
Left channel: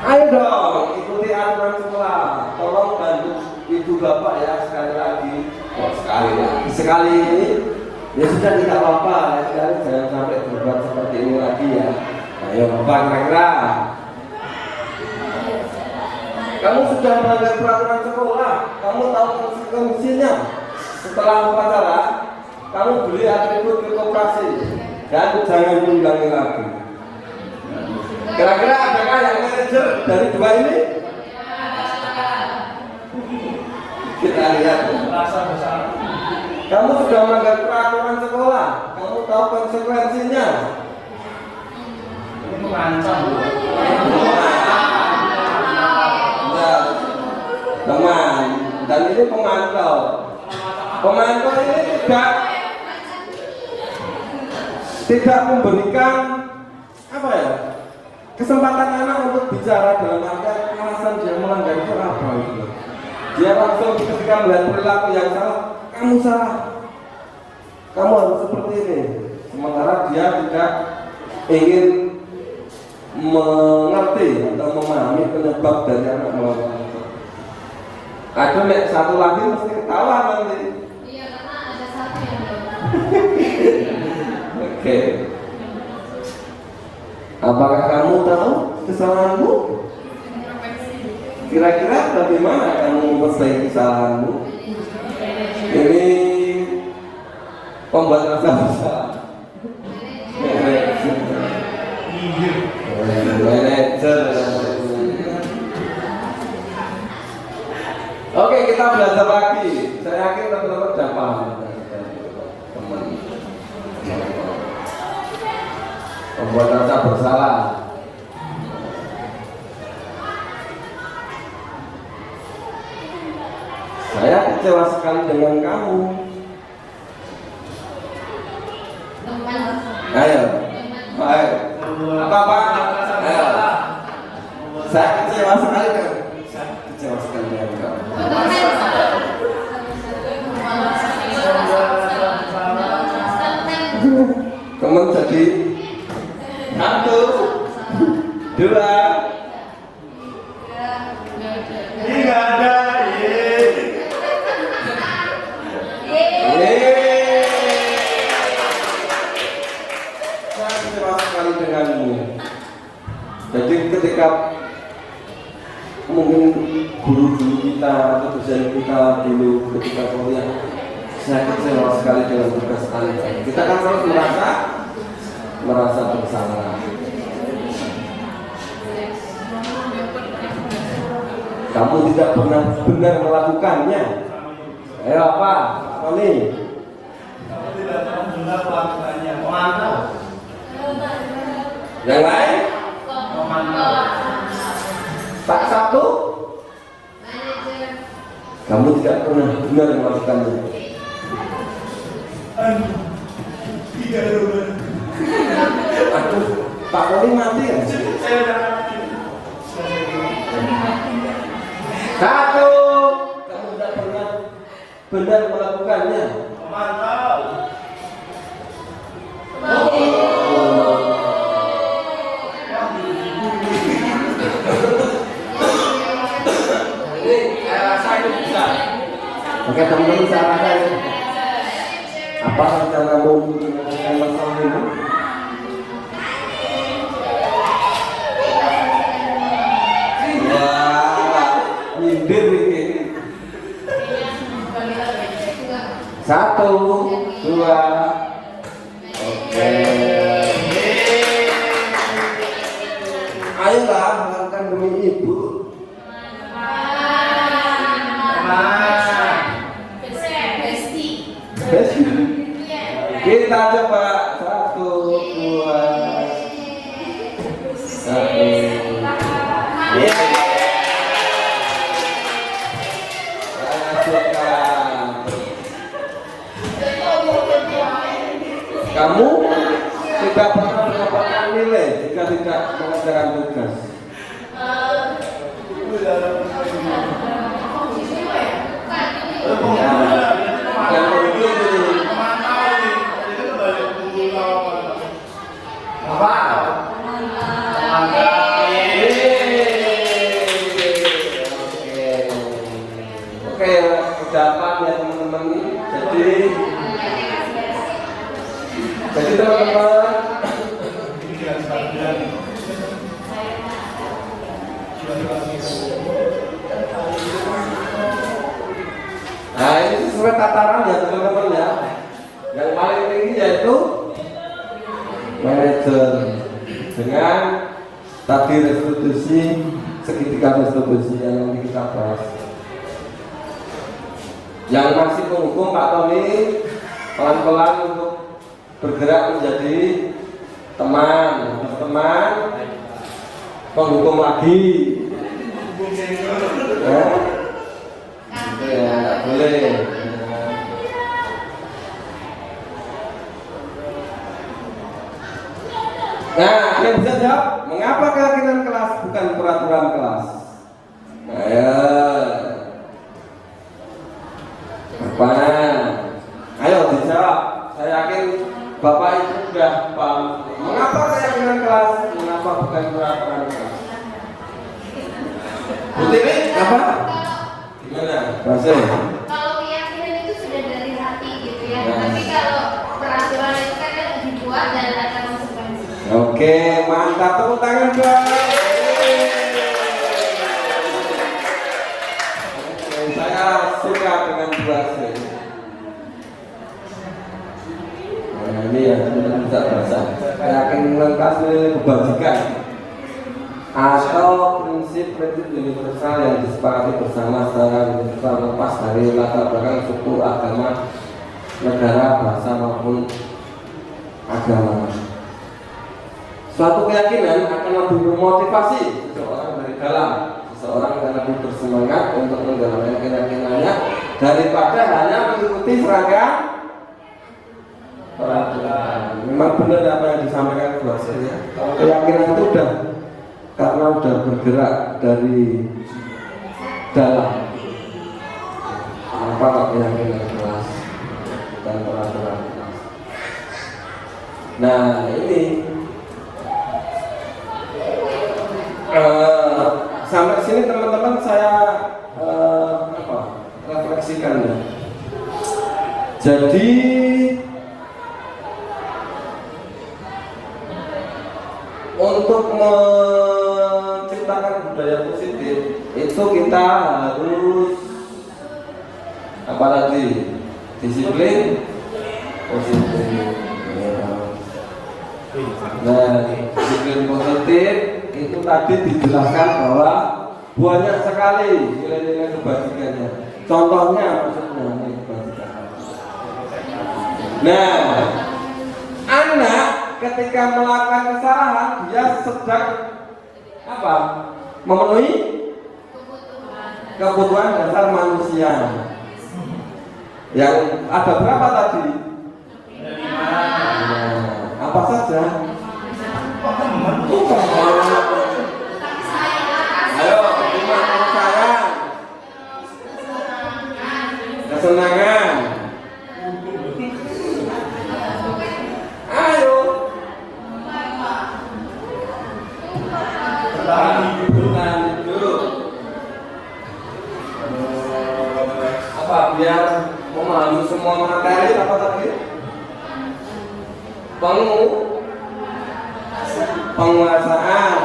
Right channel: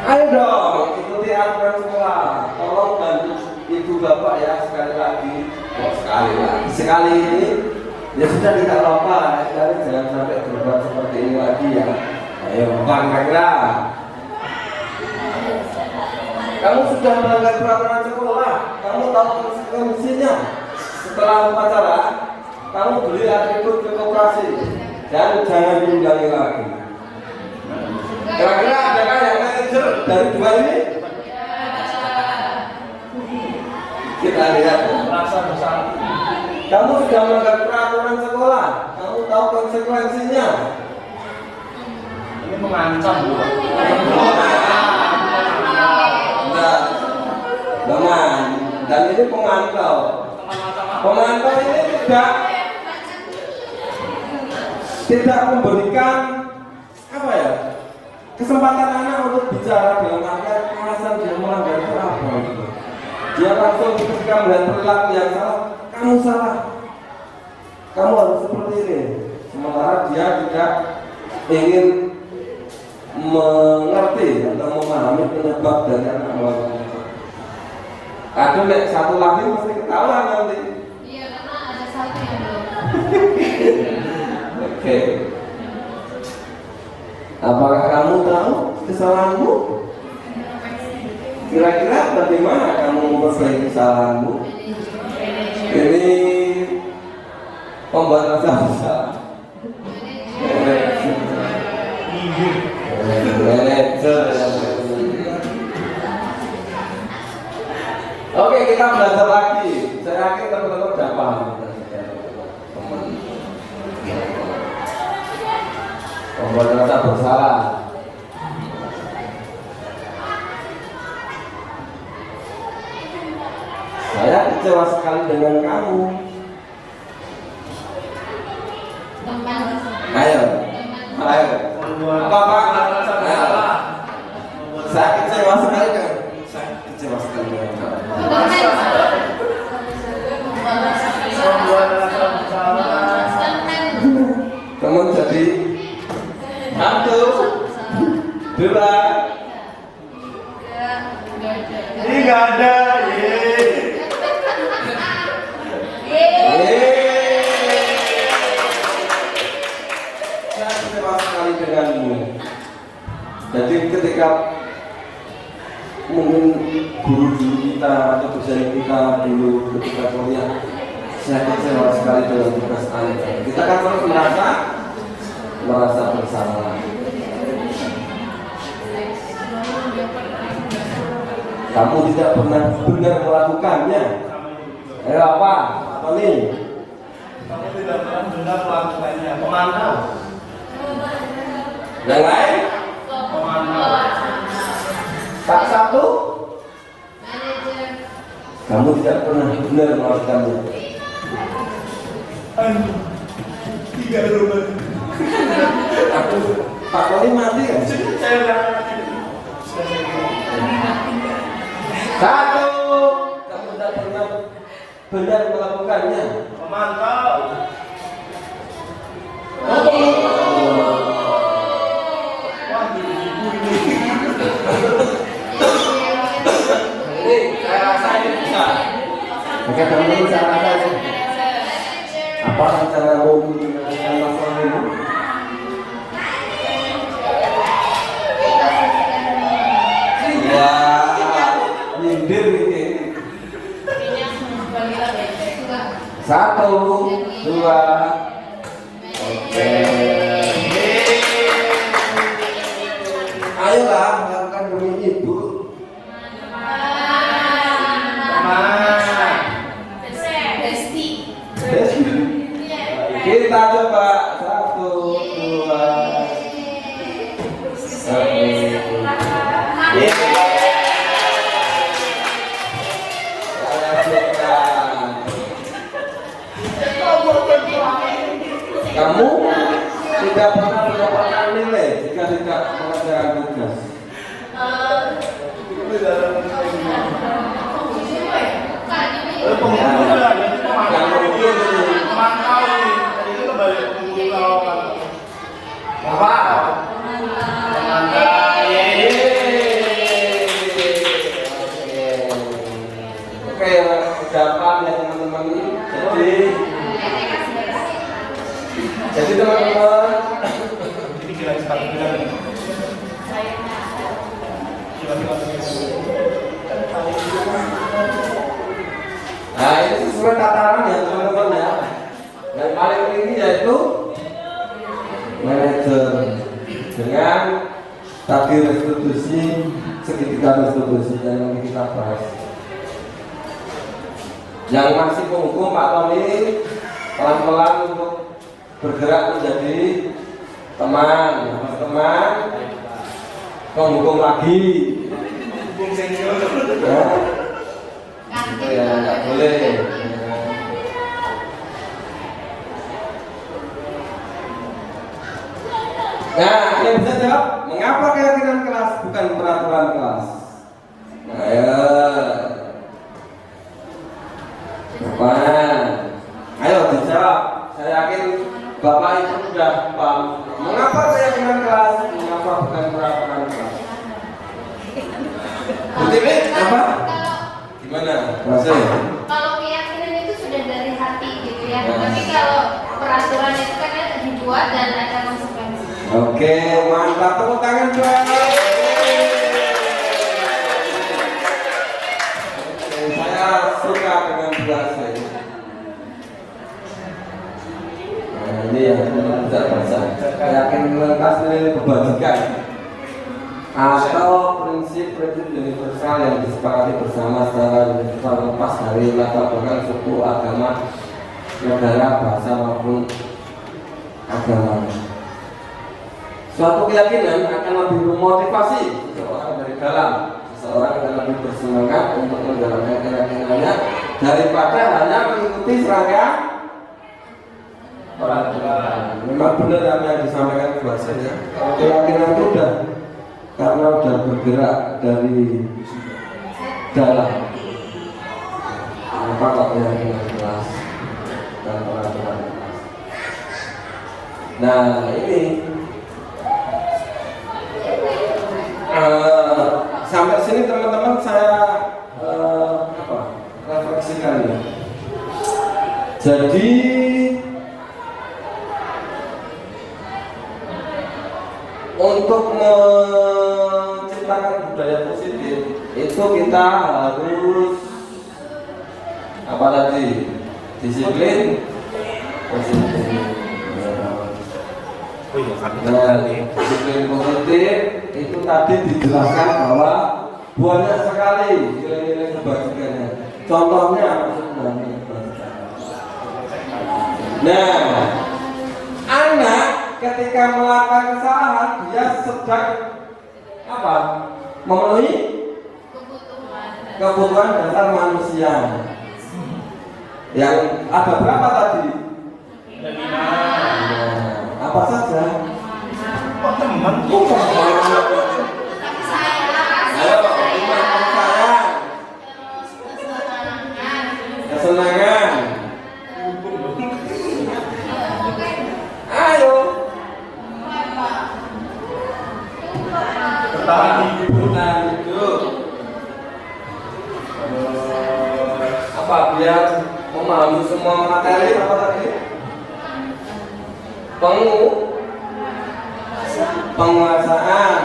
Ayo dong, ikuti aturan sekolah. Tolong bantu ibu bapak ya sekali ini ya sudah tidak apa-apa ya, jangan sampai berbuat seperti ini lagi ya. Ayo Bang Rekra, kamu sudah melanggar peraturan sekolah, kamu tahu konsekuensinya. Setelah upacara, kamu beli atribut koperasi dan jangan tinggalin lagi. Kira-kira adakah yang manajer dari dua ini? Kita lihat. Kamu sudah melanggar peraturan sekolah, kamu tahu konsekuensinya. Mengancam. Benar, teman. Dan ini pemantau. Pemantau ini tidak memberikan apa ya? Kesempatan anak untuk bicara dalam artian merasa dia melanggar peraturan. Dia langsung ketika melihat perilaku yang salah, kamu salah, kamu harus seperti ini. Sementara dia tidak ingin mengerti atau memahami penyebab dari anak melakukan itu. Ada satu laki pasti ketawa nanti. Iya, karena ada satu yang Oke. Apakah kamu tahu kesalahanmu? Kira-kira bagaimana kamu memperbaiki kesalahanmu? Ini pembuat rasa bersalah. Oke, kita belajar lagi. Saya yakin teman-teman sudah paham. Pembuat rasa bersalah. Saya kecewa sekali dengan kamu. Ayo, ayo. Apa? Saya kecewa sekali dengan kamu. Teman jadi 1, 2. Ini nggak ada. Saya kecewa sekali denganmu. Jadi ketika mungkin guru-guru kita atau dosen kita dulu ketika kuliah saya kecewa sekali dengan tugas Anda. Kita kan merasa bersalah. Kamu tidak pernah benar melakukannya. Apa? Apa nih? Kamu tidak pernah benar melakukannya. Kemana? Yang lain? Tak satu? Kamu tidak pernah benar melakukannya. Tiga berubah. Pak Wali mati kan? Saya nggak mati. Satu, kamu tidak pernah benar melakukannya. Mantap. Ini saya rasa ini bisa. Oke teman-teman, saya rasa ini. Apa rencana mau menyelesaikan masalah ini? Nyindir ini. Satu, dua, oke. Ayolah melakukan demi ibu. Kita coba satu, dua, satu. Kamu tidak pernah mendapatkan nilai jika tidak mengerjakan tugas. Oke, ucapan ya teman-teman. Jadi teman-teman, nah ini sesuai tataran ya teman-teman ya. Yang paling tinggi yaitu manajer dengan tadi restitusi, segitiga restitusi yang kita bahas. Yang masih menghukum Pak Tony pelan-pelan untuk bergerak menjadi teman, kalau teman menghukum lagi. Ya, nggak boleh. Nah, dia bisa jawab, mengapa keyakinan kelas bukan peraturan kelas? Apa? Ayo dijawab. Saya yakin Bapak itu sudah paham. Mengapa keyakinan kelas? Mengapa bukan peraturan kelas? Betul apa? Gimana? Rasanya? Kalau keyakinan itu sudah dari hati gitu ya. Tapi kalau peraturan itu kan ada dibuat dan ada konsekuensi. Oke, mantap, tepuk tangan dong. Saya suka dengan bahasa ini. Ini ya tidak bahasa. Keyakinan kelas ini kebajikan atau prinsip-prinsip universal yang disepakati bersama lepas dari latar belakang suku, agama, negara, bahasa maupun agama. Suatu keyakinan akan lebih memotivasi seseorang dari dalam, seseorang akan lebih bersemangat untuk menjalankan keyakinannya daripada hanya mengikuti seragam peraturan. Memang benar apa yang disampaikan Mbak Sri ya. Keyakinan itu karena sudah bergerak dari dalam. Apa keyakinan kelas dan peraturan. Nah ini sampai sini teman-teman saya refleksikan ya. Jadi untuk menciptakan budaya positif itu kita harus apa tadi? disiplin. Nah, disiplin positif itu tadi dijelaskan bahwa banyak sekali nilai-nilai kebajikannya. Contohnya, nah, anak ketika melakukan kesalahan dia sedang apa? Memenuhi kebutuhan dasar manusia. Yang ada berapa tadi? Apa saja? Kesenangan. Ayo. Bertahan hidup. Apa biar memahami semua materi apa tadi? Penguasaan.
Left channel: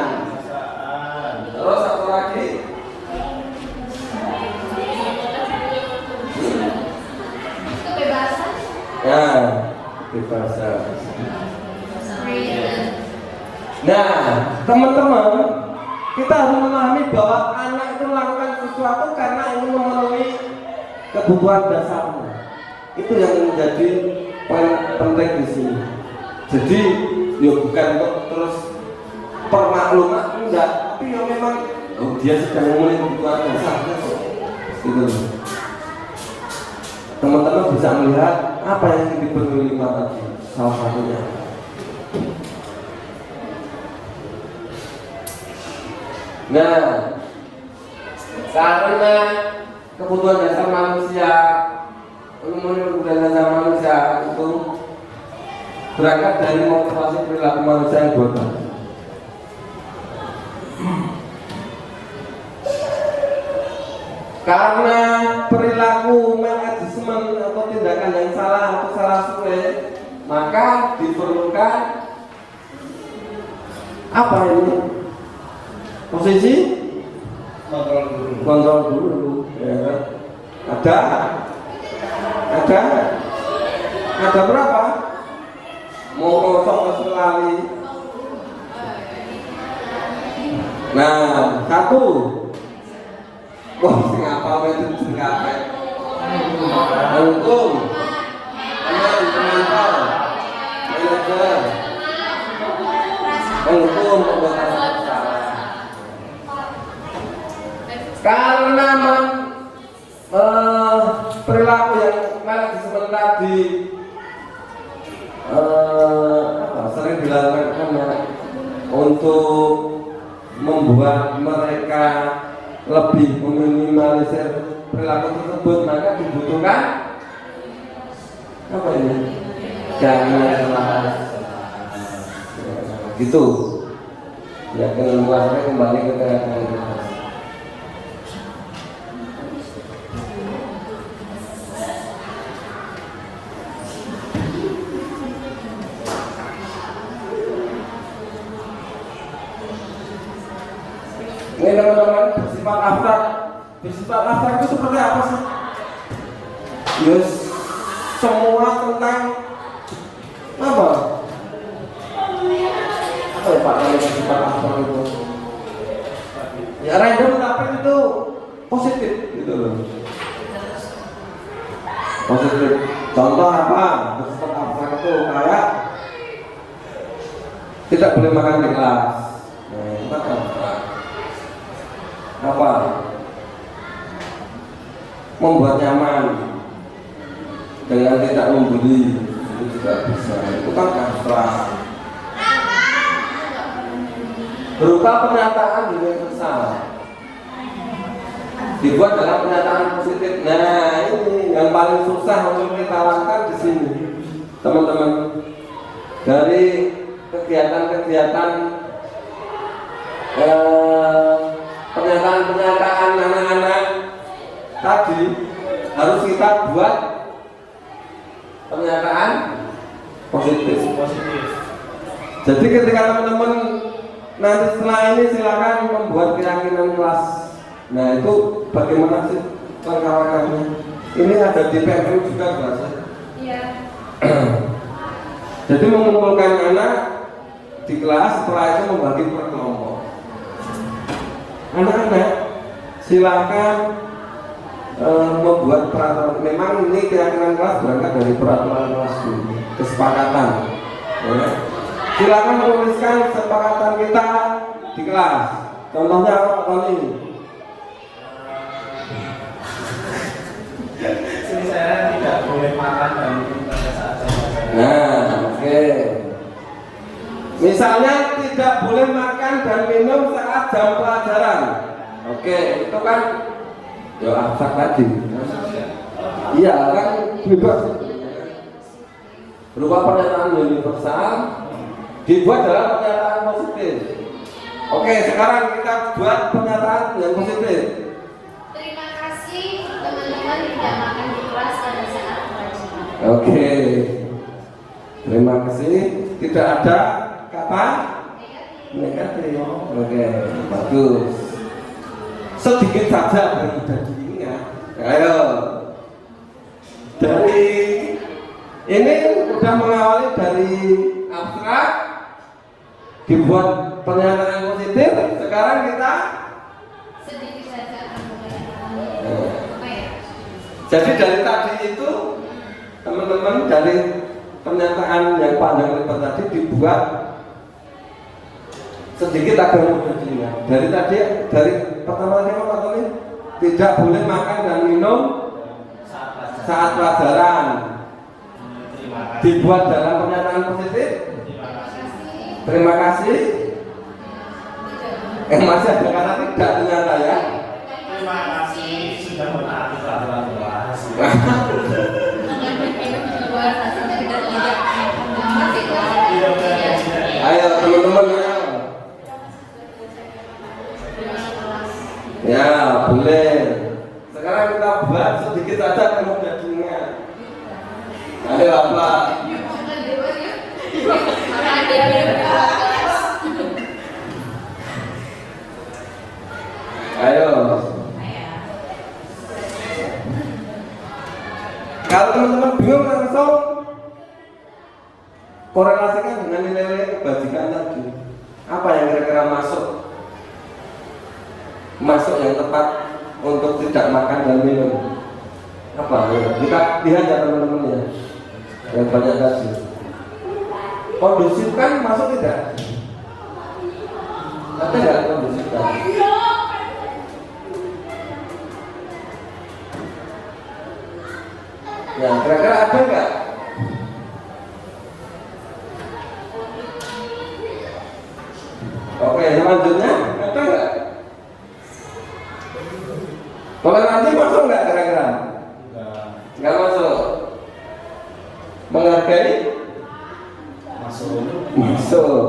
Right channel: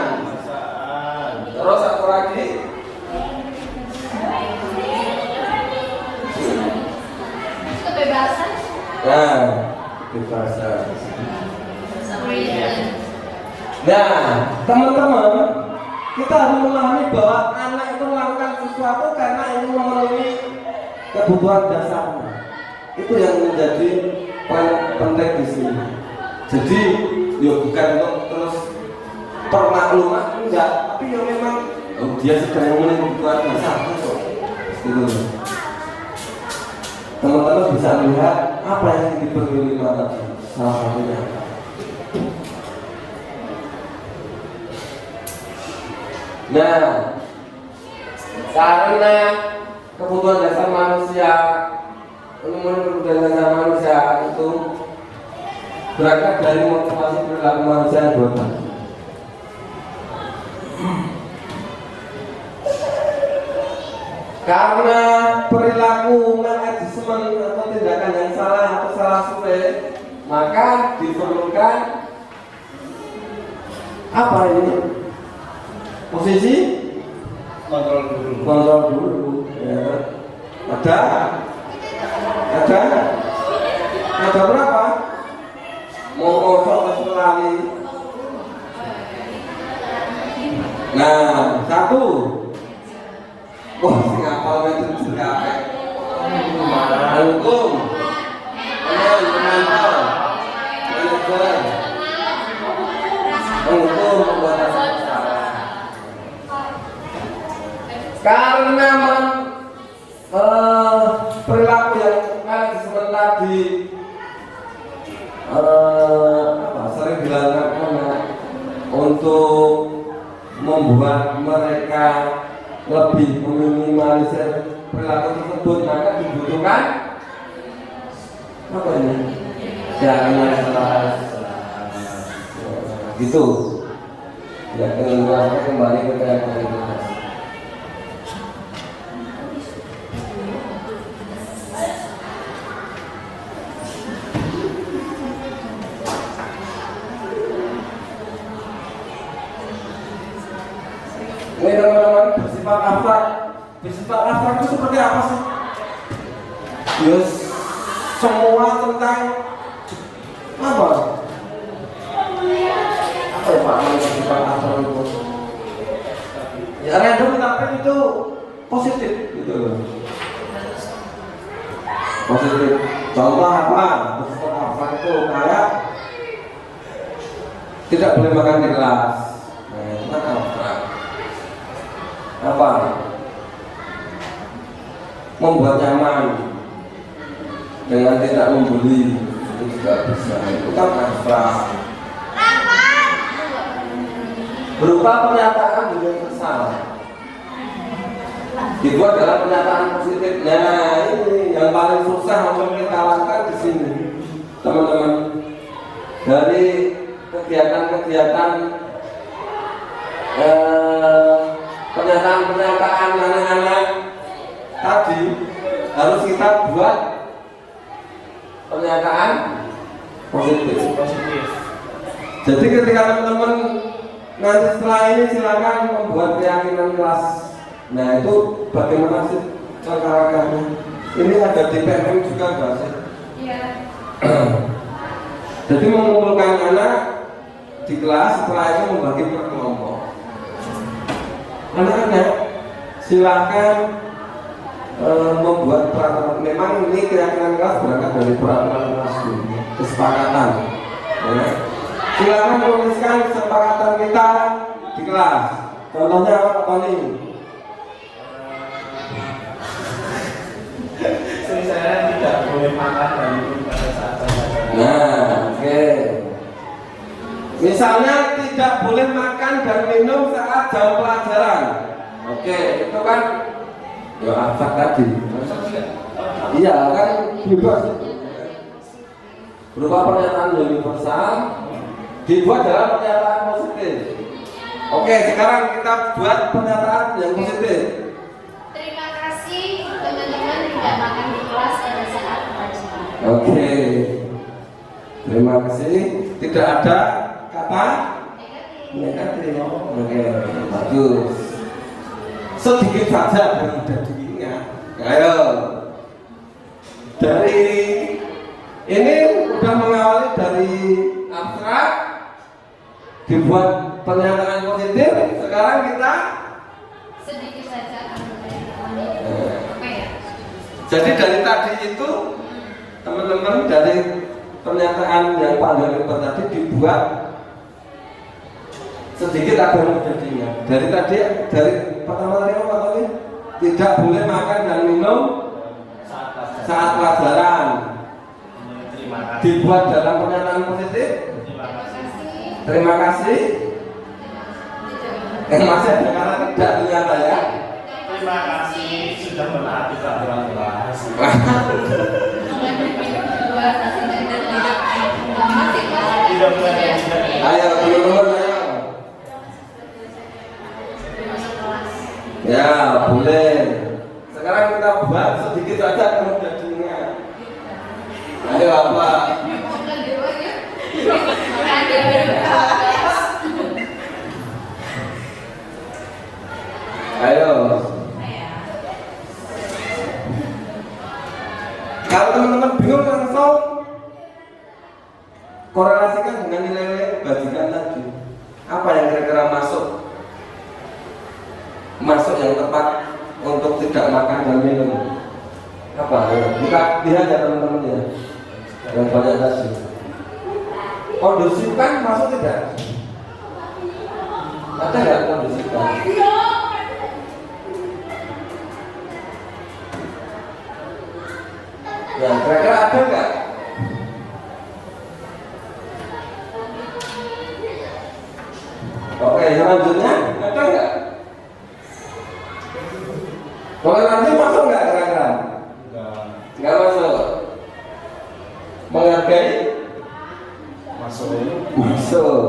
Terus apa lagi? Kebebasan. Nah, kebebasan. Nah, teman-teman, kita harus memahami bahwa anak itu melakukan sesuatu karena ingin memenuhi kebutuhan dasarnya. Itu yang menjadi poin penting di sini. Jadi, ya bukan untuk terus permakluman enggak, tapi ya memang dia sedang mulai kebutuhan dasarnya. Gitu loh. Teman-teman bisa melihat apa yang diberi lima tadi, salah satunya. Nah, karena kebutuhan dasar manusia, kebutuhan dasar manusia itu berangkat dari motivasi perilaku manusia yang bodoh. Karena perilaku manajemen atau tindakan yang salah atau salah sulit, maka diperlukan apa ini? Posisi kontrol dulu. Ya. Ada berapa? Mau kosong sekali. Nah, satu. Wah, apa itu siapa? Karena perilaku yang disebut tadi sering dilakukan untuk membuat mereka lebih meminimalisir perilaku tersebut, maka dibutuhkan apa ini? Jangan gitu. Ya, dengan kembali ke keadaan. Ini teman-teman, bersifat abstrak. Bersifat abstrak itu seperti apa sih? Yes, semua tentang apa? Bersifat abstrak itu ya random tapi itu positif gitu. Positif. Contoh apa? Bersifat abstrak itu kayak tidak boleh makan di kelas. Nah, itu kan abstrak. Apa? Membuat nyaman dengan tidak membeli itu juga bisa. Itu kan abstrak. Berupa pernyataan universal dibuat dalam pernyataan positif. Nah, ini yang paling susah untuk kita lakukan di sini, teman-teman. Dari kegiatan-kegiatan pernyataan anak-anak tadi harus kita buat pernyataan positif. Jadi ketika teman-teman nanti setelah ini silakan membuat keyakinan kelas. Nah itu bagaimana sih cara-caranya? Ini ada di PMM juga bahasa. Iya. Jadi mengumpulkan anak di kelas, setelah itu membagi per kelompok. Anak-anak silakan membuat peraturan. Memang ini keyakinan kelas berangkat dari peraturan kesepakatan. Ya. Silakan menuliskan kesepakatan kita di kelas. Contohnya apa nih? Selesai tidak boleh makan dan minum saat Nah, oke. Misalnya tidak boleh makan dan minum saat jam pelajaran. Oke, itu kan ya abstrak tadi. Iya kan bebas. Berupa pernyataan yang universal dibuat dalam pernyataan positif. Oke, sekarang kita buat pernyataan yang positif. Terima kasih teman-teman tidak makan di kelas pada saat kewajiban. Oke. Terima kasih. Tidak ada kata negatif. Oke, bagus. Sedikit saja yang mudah diingat. Ayo. Dari ini sudah mengawali dari abstrak dibuat pernyataan positif. Sekarang kita Sedikit saja akan teman-teman. jadi dari tadi itu teman-teman dari pernyataan yang panjang lebar tadi dibuat sedikit agar mudah diingat. Dari tadi dari pertama kali tidak boleh makan dan minum saat pelajaran. Dibuat dalam pernyataan positif. Terima kasih. Yang masih ada kata tidak ternyata ya. Terima kasih sudah mematuhi peraturan kelas. Tidak boleh. Ayo teman-teman. Ya boleh. Sekarang kita buat sedikit saja kalau sudah diingat. Ayo apa? Ayo. Kalau teman-teman bingung langsung korelasikan dengan nilai-nilai kebajikan tadi. Apa yang kira-kira masuk yang tepat untuk tidak makan dan minum? Apa? Kita lihat ya teman-teman ya. Yang banyak tadi. Kondusif kan masuk tidak? Ada nggak kondusif kan? Nah, kira-kira ada nggak? Oke, selanjutnya ada nggak? Toleransi masuk nggak kira-kira? Nggak masuk. Menghargai? Masuk. Masuk.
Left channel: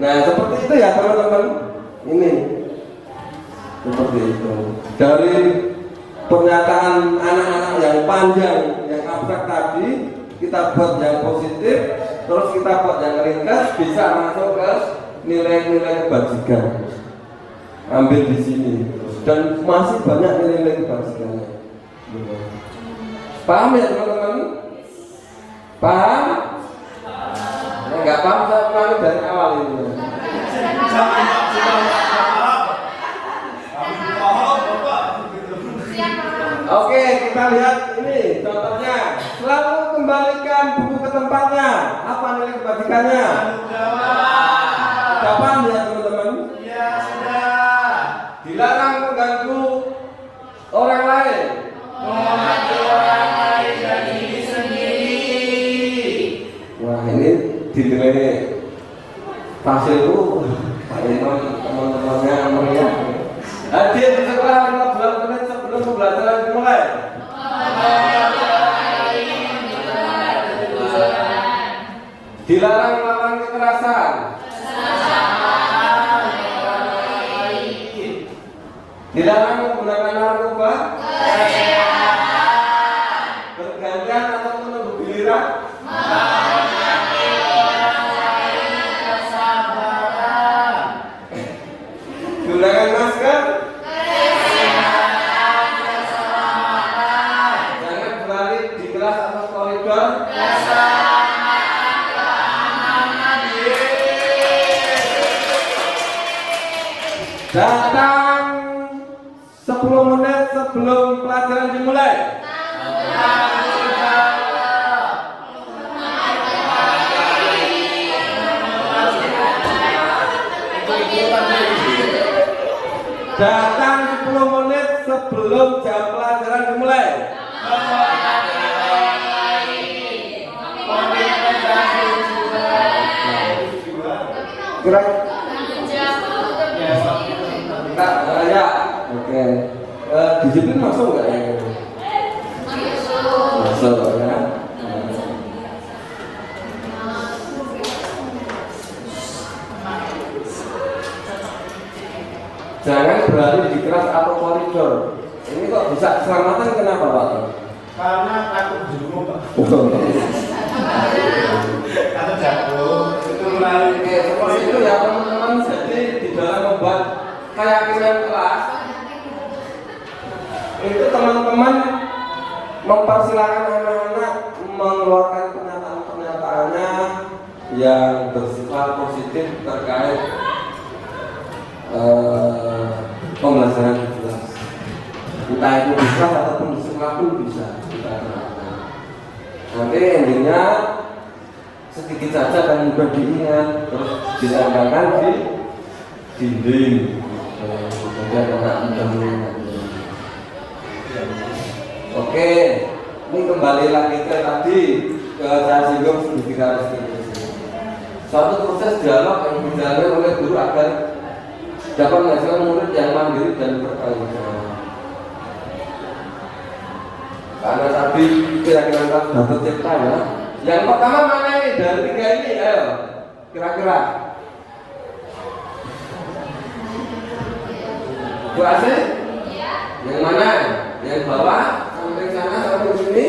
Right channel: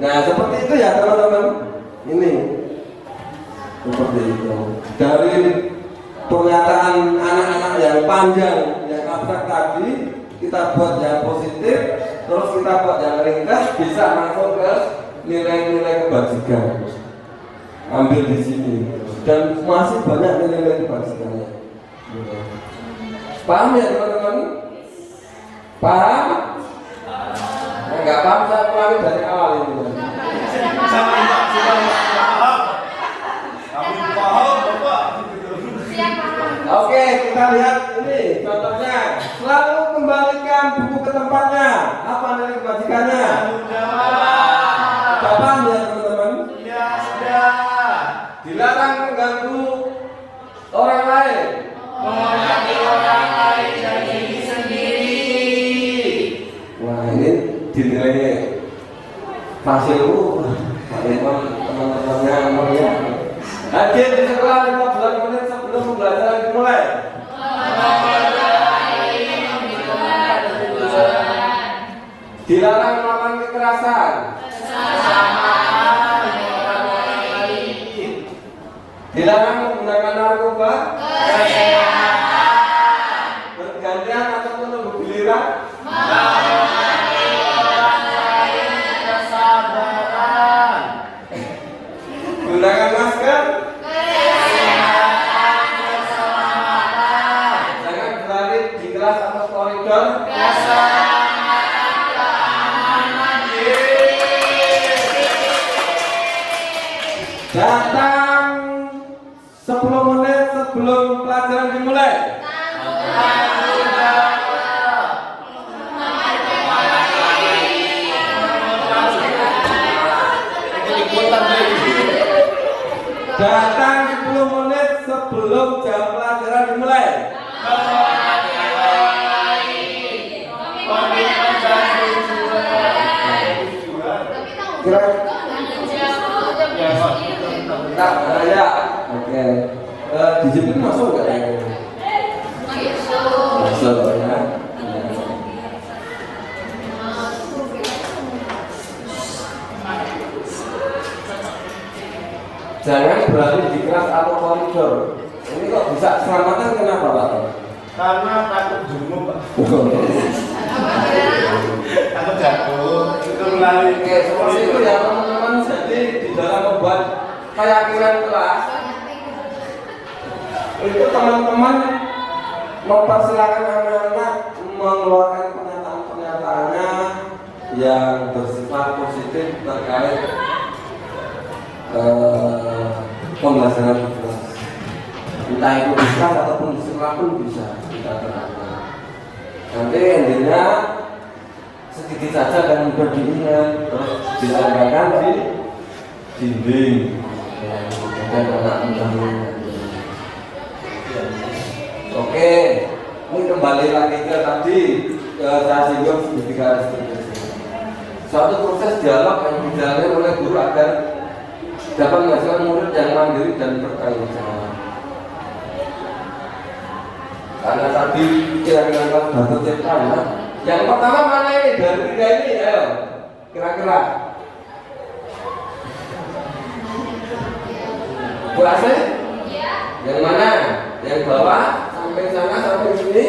Nah, seperti itu ya teman-teman. Ini seperti itu. Dari pernyataan anak-anak yang panjang, yang abstrak tadi, kita buat yang positif, terus kita buat yang ringkas, bisa langsung ke nilai-nilai kebajikan. Ambil di sini. Dan masih banyak nilai-nilai kebajikannya. Paham ya teman-teman? Paham? Enggak paham, saya dari awal ini. Oke, kita lihat ini contohnya. Selalu kembalikan buku ke tempatnya. Apa nilai kebajikannya? Sudah paham ya teman-teman? Iya, sudah. Dilarang mengganggu orang lain. Wah, ini dinilai hasil teman-temannya mereka. Hadir di sekolah 15 menit sebelum pembelajaran dimulai. Dilarang melakukan kekerasan. Dilarang menggunakan narkoba. Bergantian ataupun bergiliran. Gunakan masker. Datang 10 menit sebelum pelajaran dimulai. Datang 10 menit sebelum jam pelajaran dimulai. Ya, oke. Disiplin masuk nggak ya? Masuk ya. Jangan berada di kelas atau koridor. Ini kok bisa keselamatan kenapa Pak? Karena takut jenguk Pak. Takut jatuh. Ya, seperti itu ya teman-teman. Jadi di dalam membuat keyakinan kelas itu teman-teman mempersilahkan anak-anak mengeluarkan pernyataan-pernyataannya yang bersifat positif terkait pembelajaran, entah itu besar ataupun di sekolah pun bisa. Nanti intinya sedikit saja dan mudah diingat, ditempelkan di dinding. Oke, ini kembali lagi ke tadi ke singgung sedikit. Suatu proses dialog yang dilalui oleh guru agar dapat menghasilkan murid yang mandiri dan bertanggung. Ada tadi keyakinan satu cerita ya. Yang pertama mana ini dari tiga ini ya? Kira-kira berhasil? Yang mana? Yang bawah sampai sana sampai sini?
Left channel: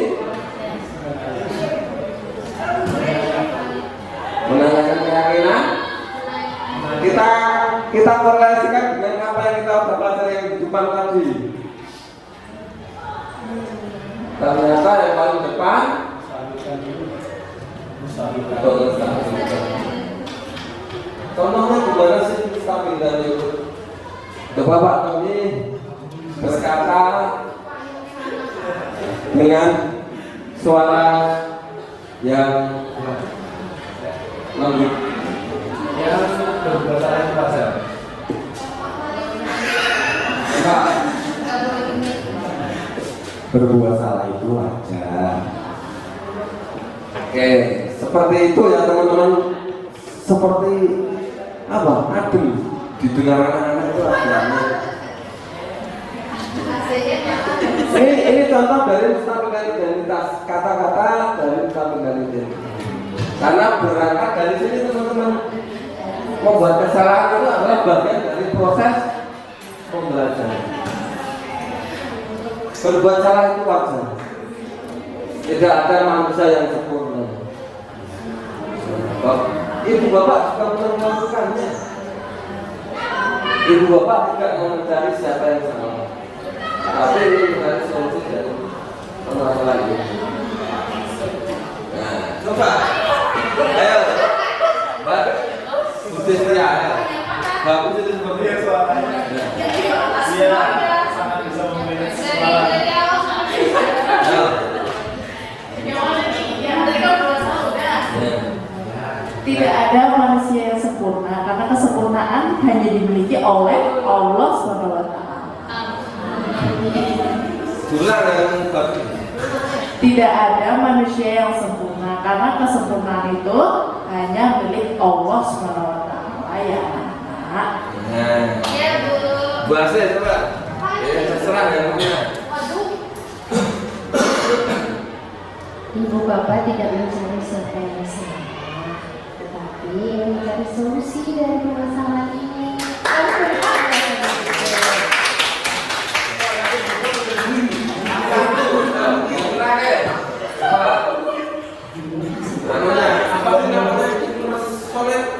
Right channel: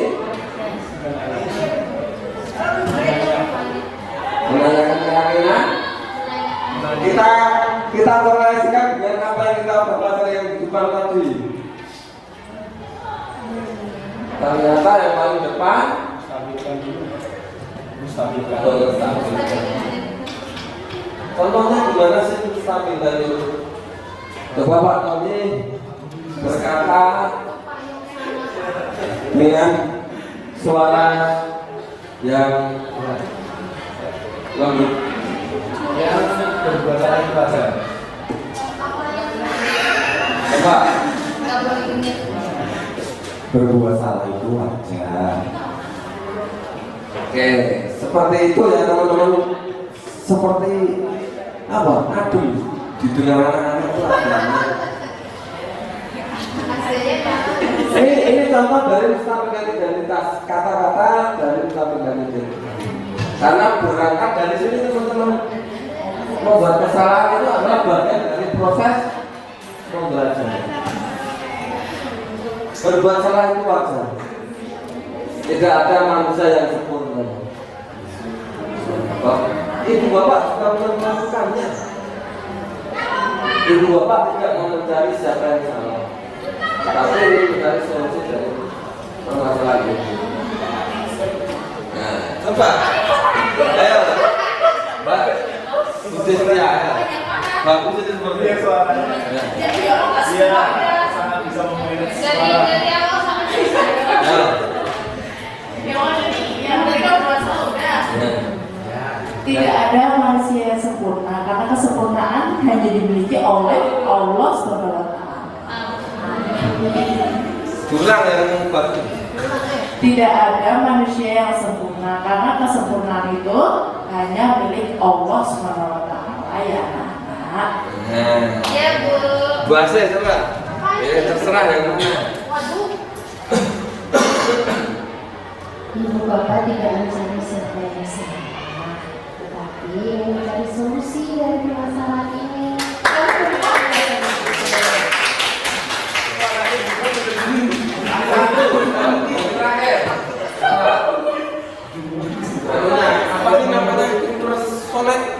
Menanyakan keyakinan. Kita korelasikan dengan apa yang kita bawa dari depan tadi. Ternyata yang paling depan contohnya gimana sih stabilan itu? Bapak ini berkata dengan suara yang lembut. Berbuat salah itu wajar. Oke, seperti itu ya teman-teman. Seperti apa? Nadi di tengah anak-anak itu ada. Ini contoh dari Ustaz Identitas, kata-kata dari Ustaz Identitas. Karena berangkat dari sini teman-teman, membuat kesalahan itu adalah bagian dari proses pembelajaran. Berbuat salah itu wajar. Tidak ada manusia yang sempurna. Ibu bapak juga melakukannya. Ibu bapak tidak mau mencari siapa yang salah, tapi mencari solusi dari masalah ini. Coba, ayo, Budi Setia, bagus itu seperti itu. Bisa memilih Tidak ada manusia yang sempurna karena kesempurnaan hanya dimiliki oleh Allah SWT. Ulang dari bagus. Tidak ada manusia yang sempurna karena kesempurnaan itu hanya milik Allah SWT. Ya, nah. Ya, Bu. Bahasa itu Kak. Ya terserah yang mana. Ibu bapak tidak mencari solusi, tetapi mencari solusi dari permasalahan ini.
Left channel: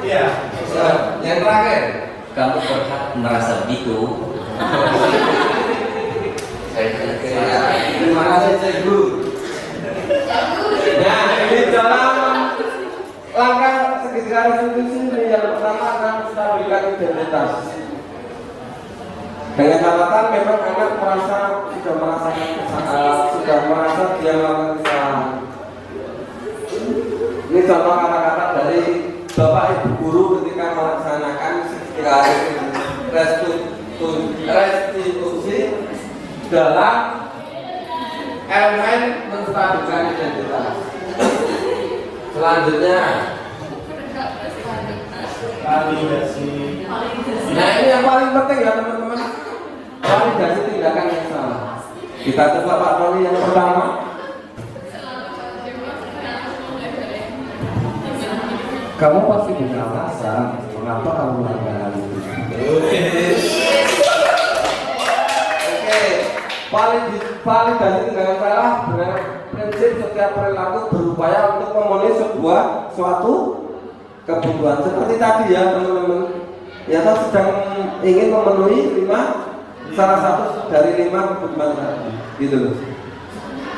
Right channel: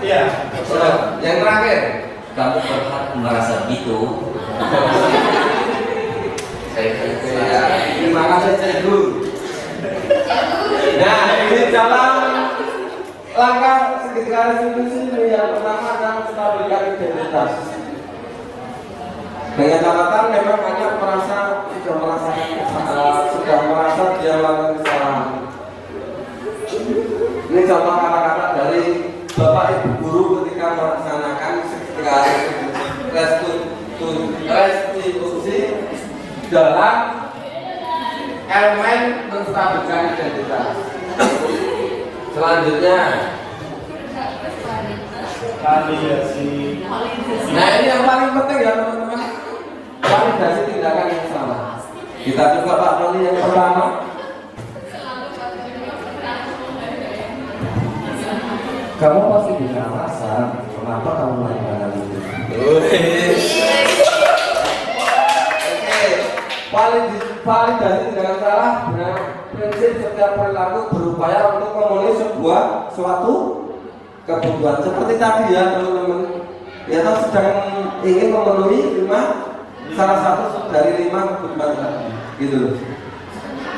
Iya. Yang terakhir, kamu merasa itu terima kasih Cikgu. Nah ini langkah segitiga restitusi ini yang pertama adalah menstabilkan identitas. Dengan catatan memang anak sudah merasa dia melakukan kesalahan. Ini contoh kata-kata dari Bapak Ibu guru ketika melaksanakan segitiga restitusi dalam elemen menstabilkan identitas. Selanjutnya, nah ini yang paling penting ya teman-teman, validasi tindakan yang salah. Kita coba Pak Noli yang pertama. Kamu pasti ada alasan kenapa kamu melakukan hal itu. Oke, validasi tindakan salah benar. Prinsip setiap perilaku berupaya untuk memenuhi suatu kebutuhan. Seperti tadi ya teman-teman, ya toh sedang ingin memenuhi salah satu dari 5 kebutuhan gitu loh.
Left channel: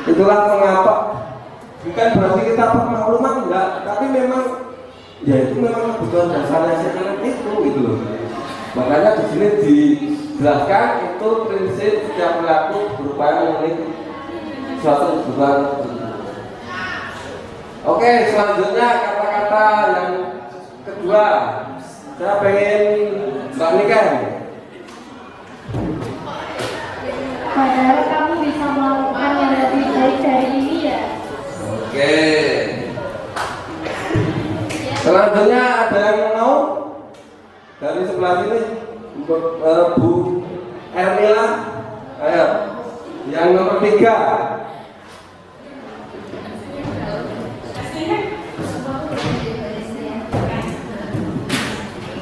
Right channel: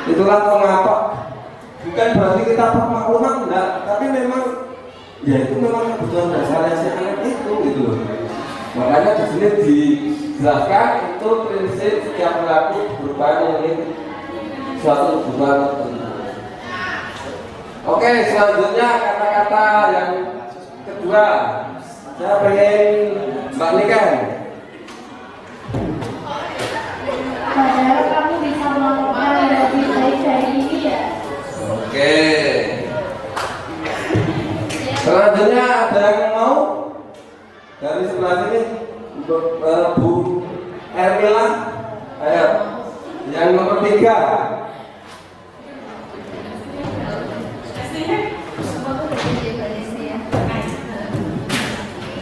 Itulah mengapa bukan berarti kita pemakluman enggak, tapi memang ya itu memang kebutuhan dasarnya si anak itu gitu loh. Makanya dijelaskan itu prinsip setiap perilaku berupaya memenuhi suatu kebutuhan. Oke, selanjutnya kata-kata yang kedua, saya pengen Mbak Nika. Padahal kamu bisa melakukan yang lebih baik dari ini ya. Oke. Selanjutnya ada yang mau dari sebelah sini, Bu Hermila. Ayo, yang nomor 3.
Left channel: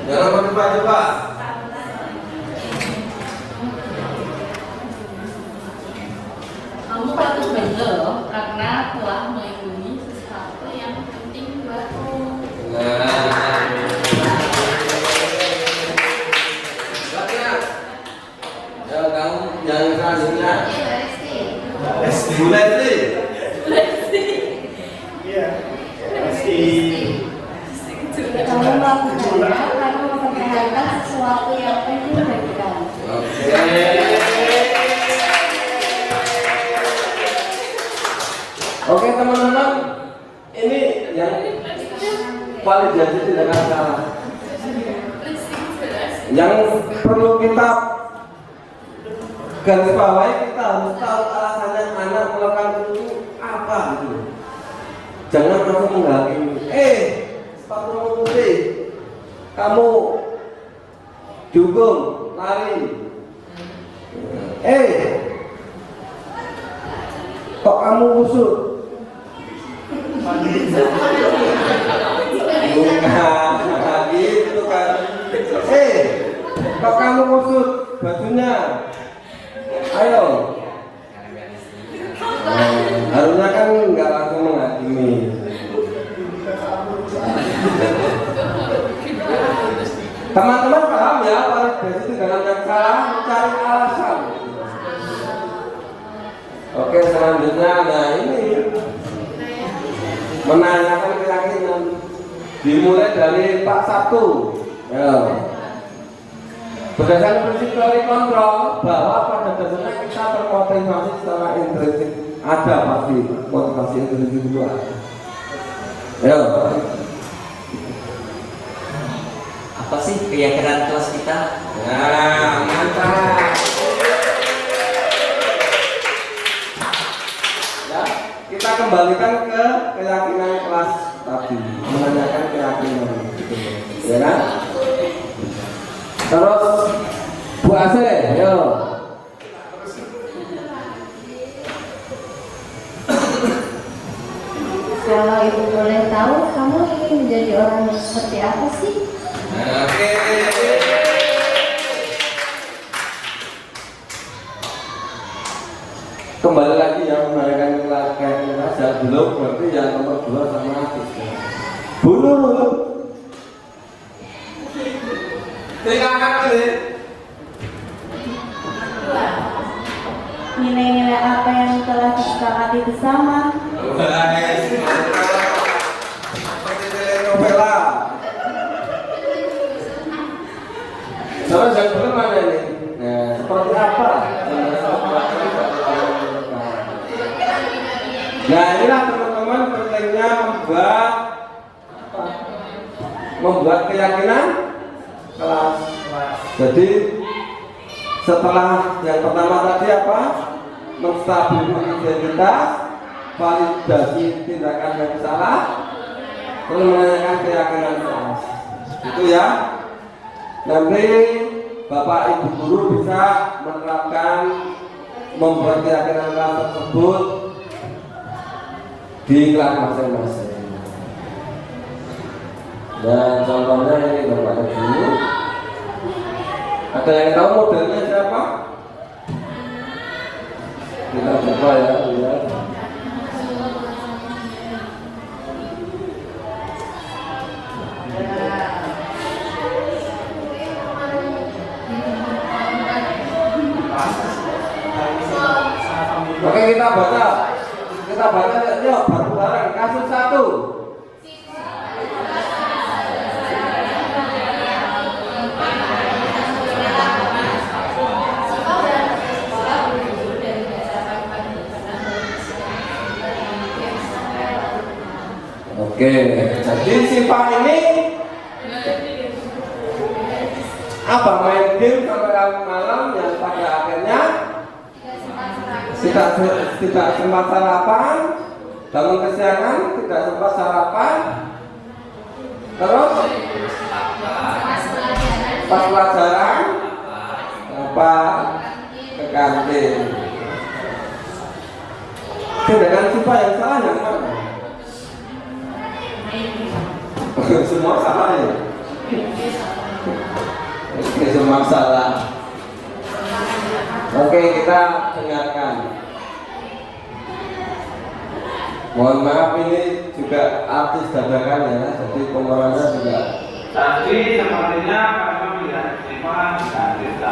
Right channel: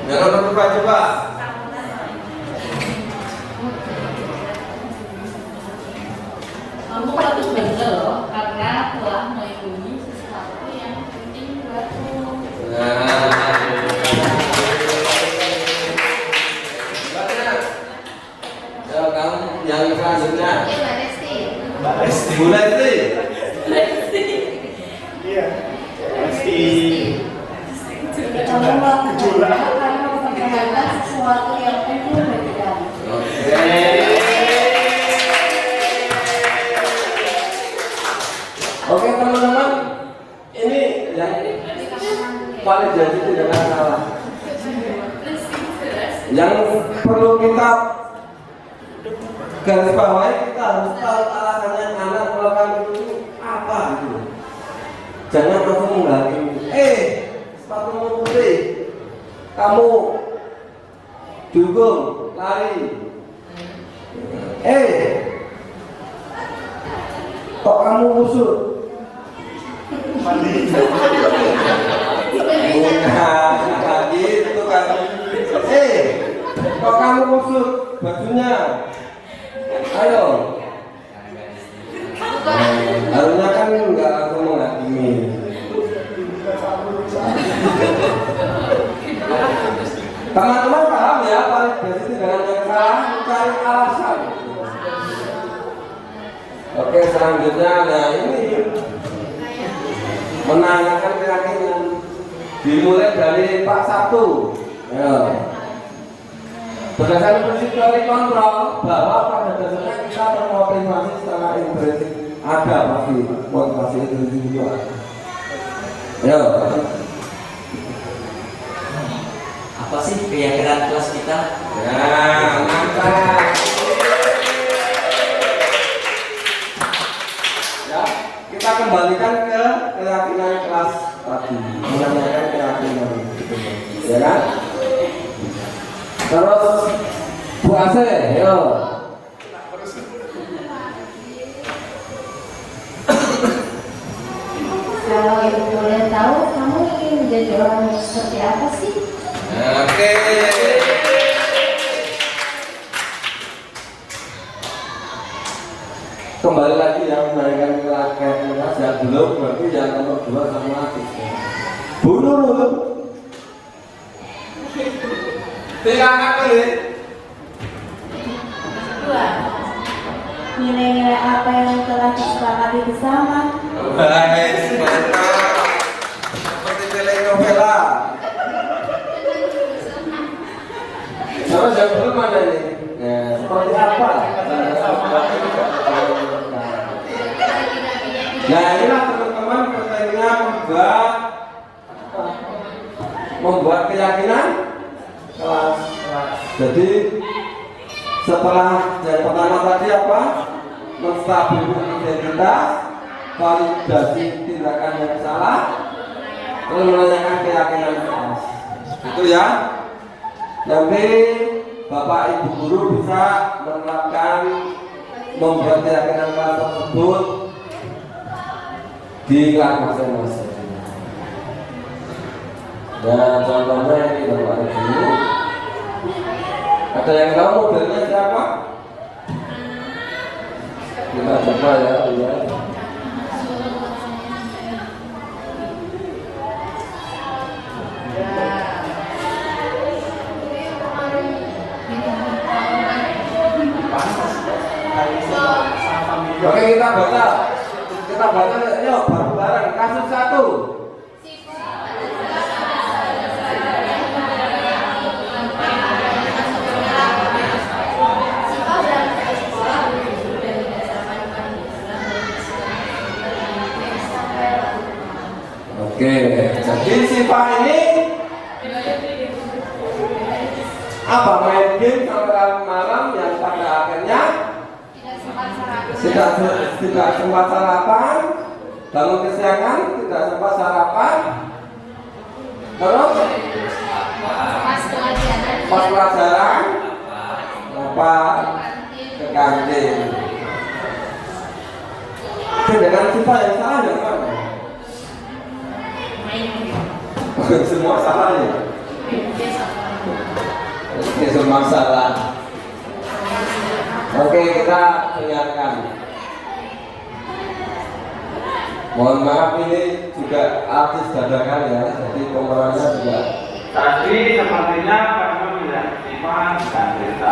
Jangan coba-coba. Kamu harus pintar loh, karena telah melindungi sesuatu yang penting buatmu. Yang selanjutnya. Bu Lesti. Iya. Pasti. Kamu melakukannya karena mempertahankan sesuatu yang penting bagi kamu. Oke teman-teman, ini yang validasi tindakan salah. Yang perlu kita garis bawahi, kita harus tahu alasannya anak melakukan itu apa. Jangan langsung menghakimi. Sepatu putih, kamu dukung lari. Kok kamu kusut? Itu kan. Kok kamu kusut bajunya? Ayo. Harusnya kan nggak langsung menghakimi. Teman-teman paham ya, validasi dengan yang salah cari alasan. Oke, selanjutnya, nah ini menanyakan keyakinan dimulai dari Pak 1. Ya. Berdasarkan prinsip teori kontrol bahwa pada dasarnya kita bermotivasi secara intrinsik, ada pasti motivasi intrinsik itu. Ya. Apa sih keyakinan kelas kita? Nah, mantap. Ya, kita kembalikan ke keyakinan kelas tadi, menanyakan keyakinan, ya kan? Terus Bu Ase, yo. Kalau ibu boleh tahu, kamu ingin menjadi orang yang seperti apa sih? Oke. Kembali lagi ya menggunakan keyakinan saja belum berarti yang nomor 2 satu lagi. Bu Nurul. Silakan ini. Nilai-nilai apa yang telah disepakati bersama? Baik. Seperti nilai membuat keyakinan kelas. Jadi setelah yang pertama tadi apa? Menstabilkan identitas, validasi tindakan yang salah, terus menanyakan keyakinan kelas. Itu ya. Nanti Bapak Ibu guru bisa menerapkan membuat keyakinan kelas tersebut di kelas masing-masing. Dan contohnya ini Bapak Ibu. Ada yang tahu modelnya siapa? Kita coba ya. Oke, kita baca yuk bareng-bareng kasus 1. Oke, jadi sifat ini apa? Main game sampai malam yang pada akhirnya tidak sempat sarapan, bangun kesiangan, tidak sempat sarapan, terus pas pelajaran lupa ke kantin. Dengan sifat yang salah kan? Semua salah ya? Semua salah. Oke, kita dengarkan. Mohon maaf, ini juga artis dadakan ya, jadi komandannya juga. Tadi sepertinya kamu bilang sifat dan kita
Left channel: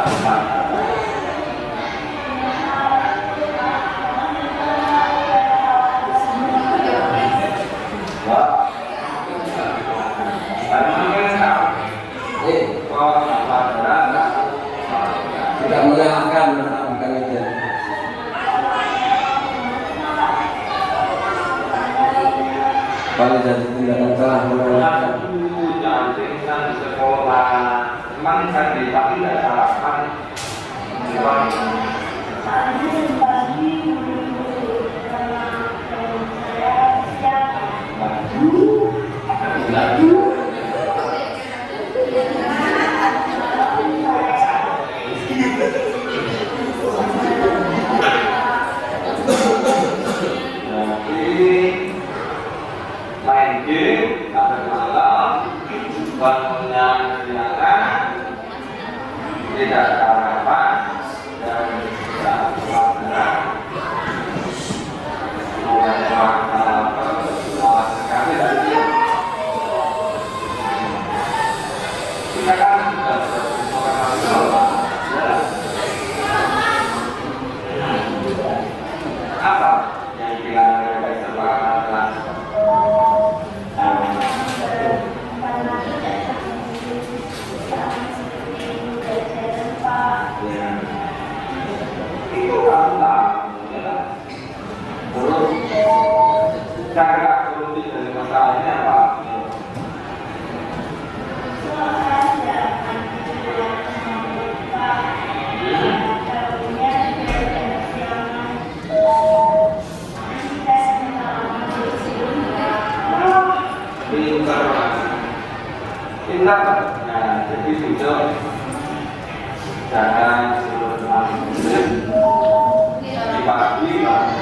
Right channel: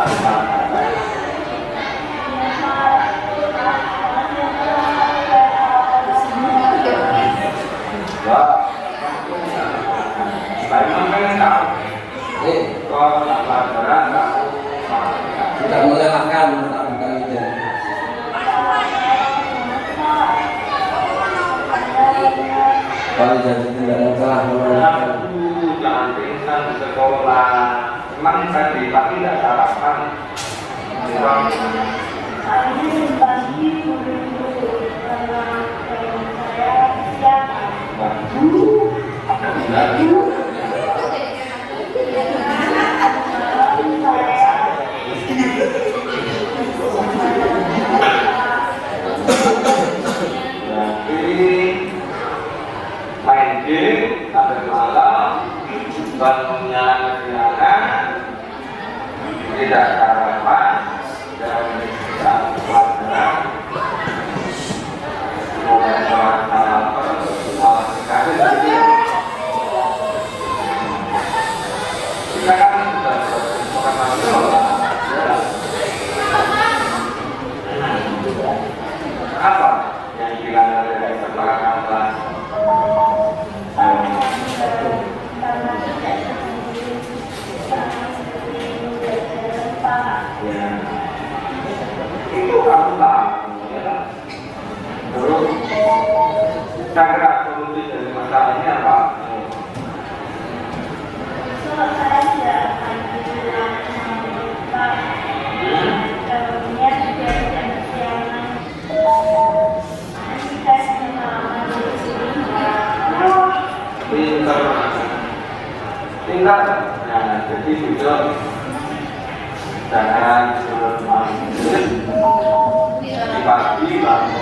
tidak mengalahkan itu. Kalau jadi tidak telah mengalahkan. Insan sekolah memang tadi tapi tidak sarapan. Main game sampai malam, bangunnya kegiatan, tidak sarapan dan tidak sarapan. Mulai sarapan, kita kan sudah bersama-sama. Apa yang dikatakan dari sepakatan kelas? Sangat rumit dan masalahnya apa? Pintar, jangan jadi video, jangan sebelum malam. Di pagi malam.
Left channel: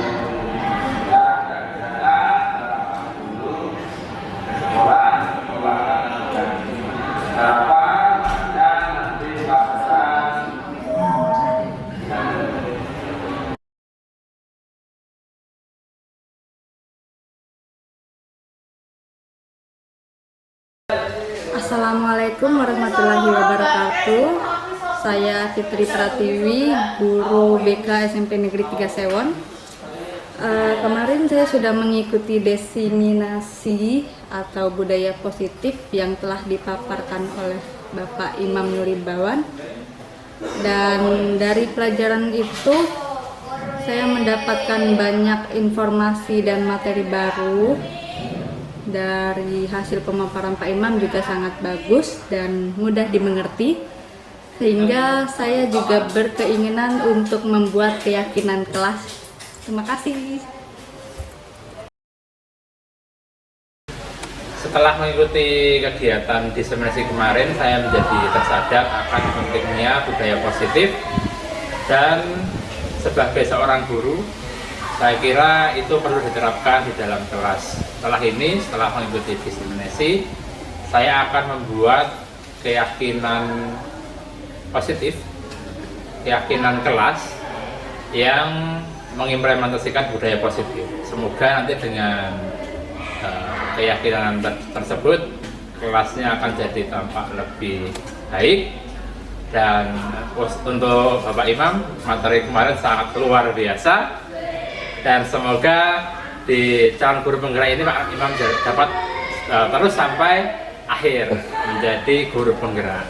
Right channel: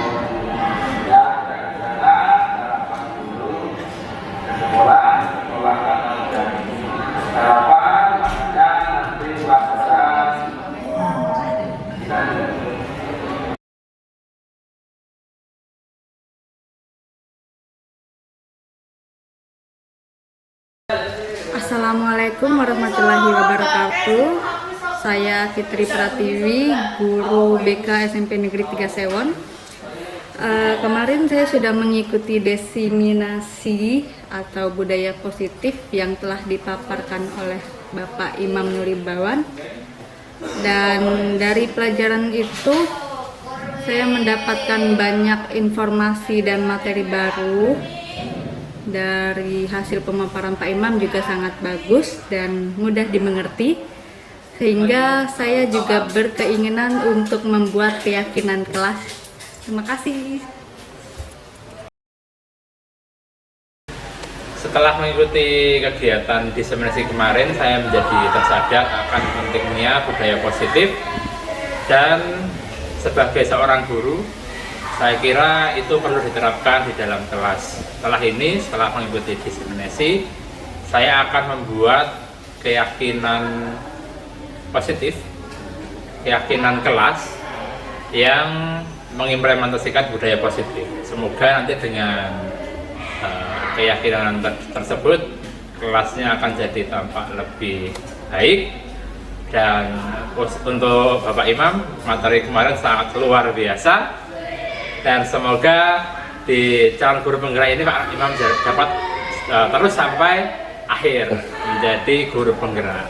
Assalamualaikum warahmatullahi wabarakatuh. Saya Fitri Pratiwi, guru BK SMP Negeri 3 Sewon. Kemarin saya sudah mengikuti diseminasi atau budaya positif yang telah dipaparkan oleh Bapak Imam Nulibawan. Dan dari pelajaran itu saya mendapatkan banyak informasi dan materi baru dari hasil pemaparan Pak Imam juga sangat bagus dan mudah dimengerti, sehingga saya juga berkeinginan untuk membuat keyakinan kelas. Terima kasih. Setelah mengikuti kegiatan diseminasi kemarin, saya menjadi tersadar akan pentingnya budaya positif, dan sebagai seorang guru, saya kira itu perlu diterapkan di dalam kelas. Setelah ini, setelah mengikuti diseminasi, saya akan membuat keyakinan positif, keyakinan kelas yang mengimplementasikan budaya positif. Semoga nanti dengan keyakinan tersebut kelasnya akan jadi tampak lebih baik. Dan untuk Bapak Imam, materi kemarin sangat luar biasa, dan semoga di calon guru penggerak ini Pak Imam dapat terus sampai akhir menjadi guru penggerak.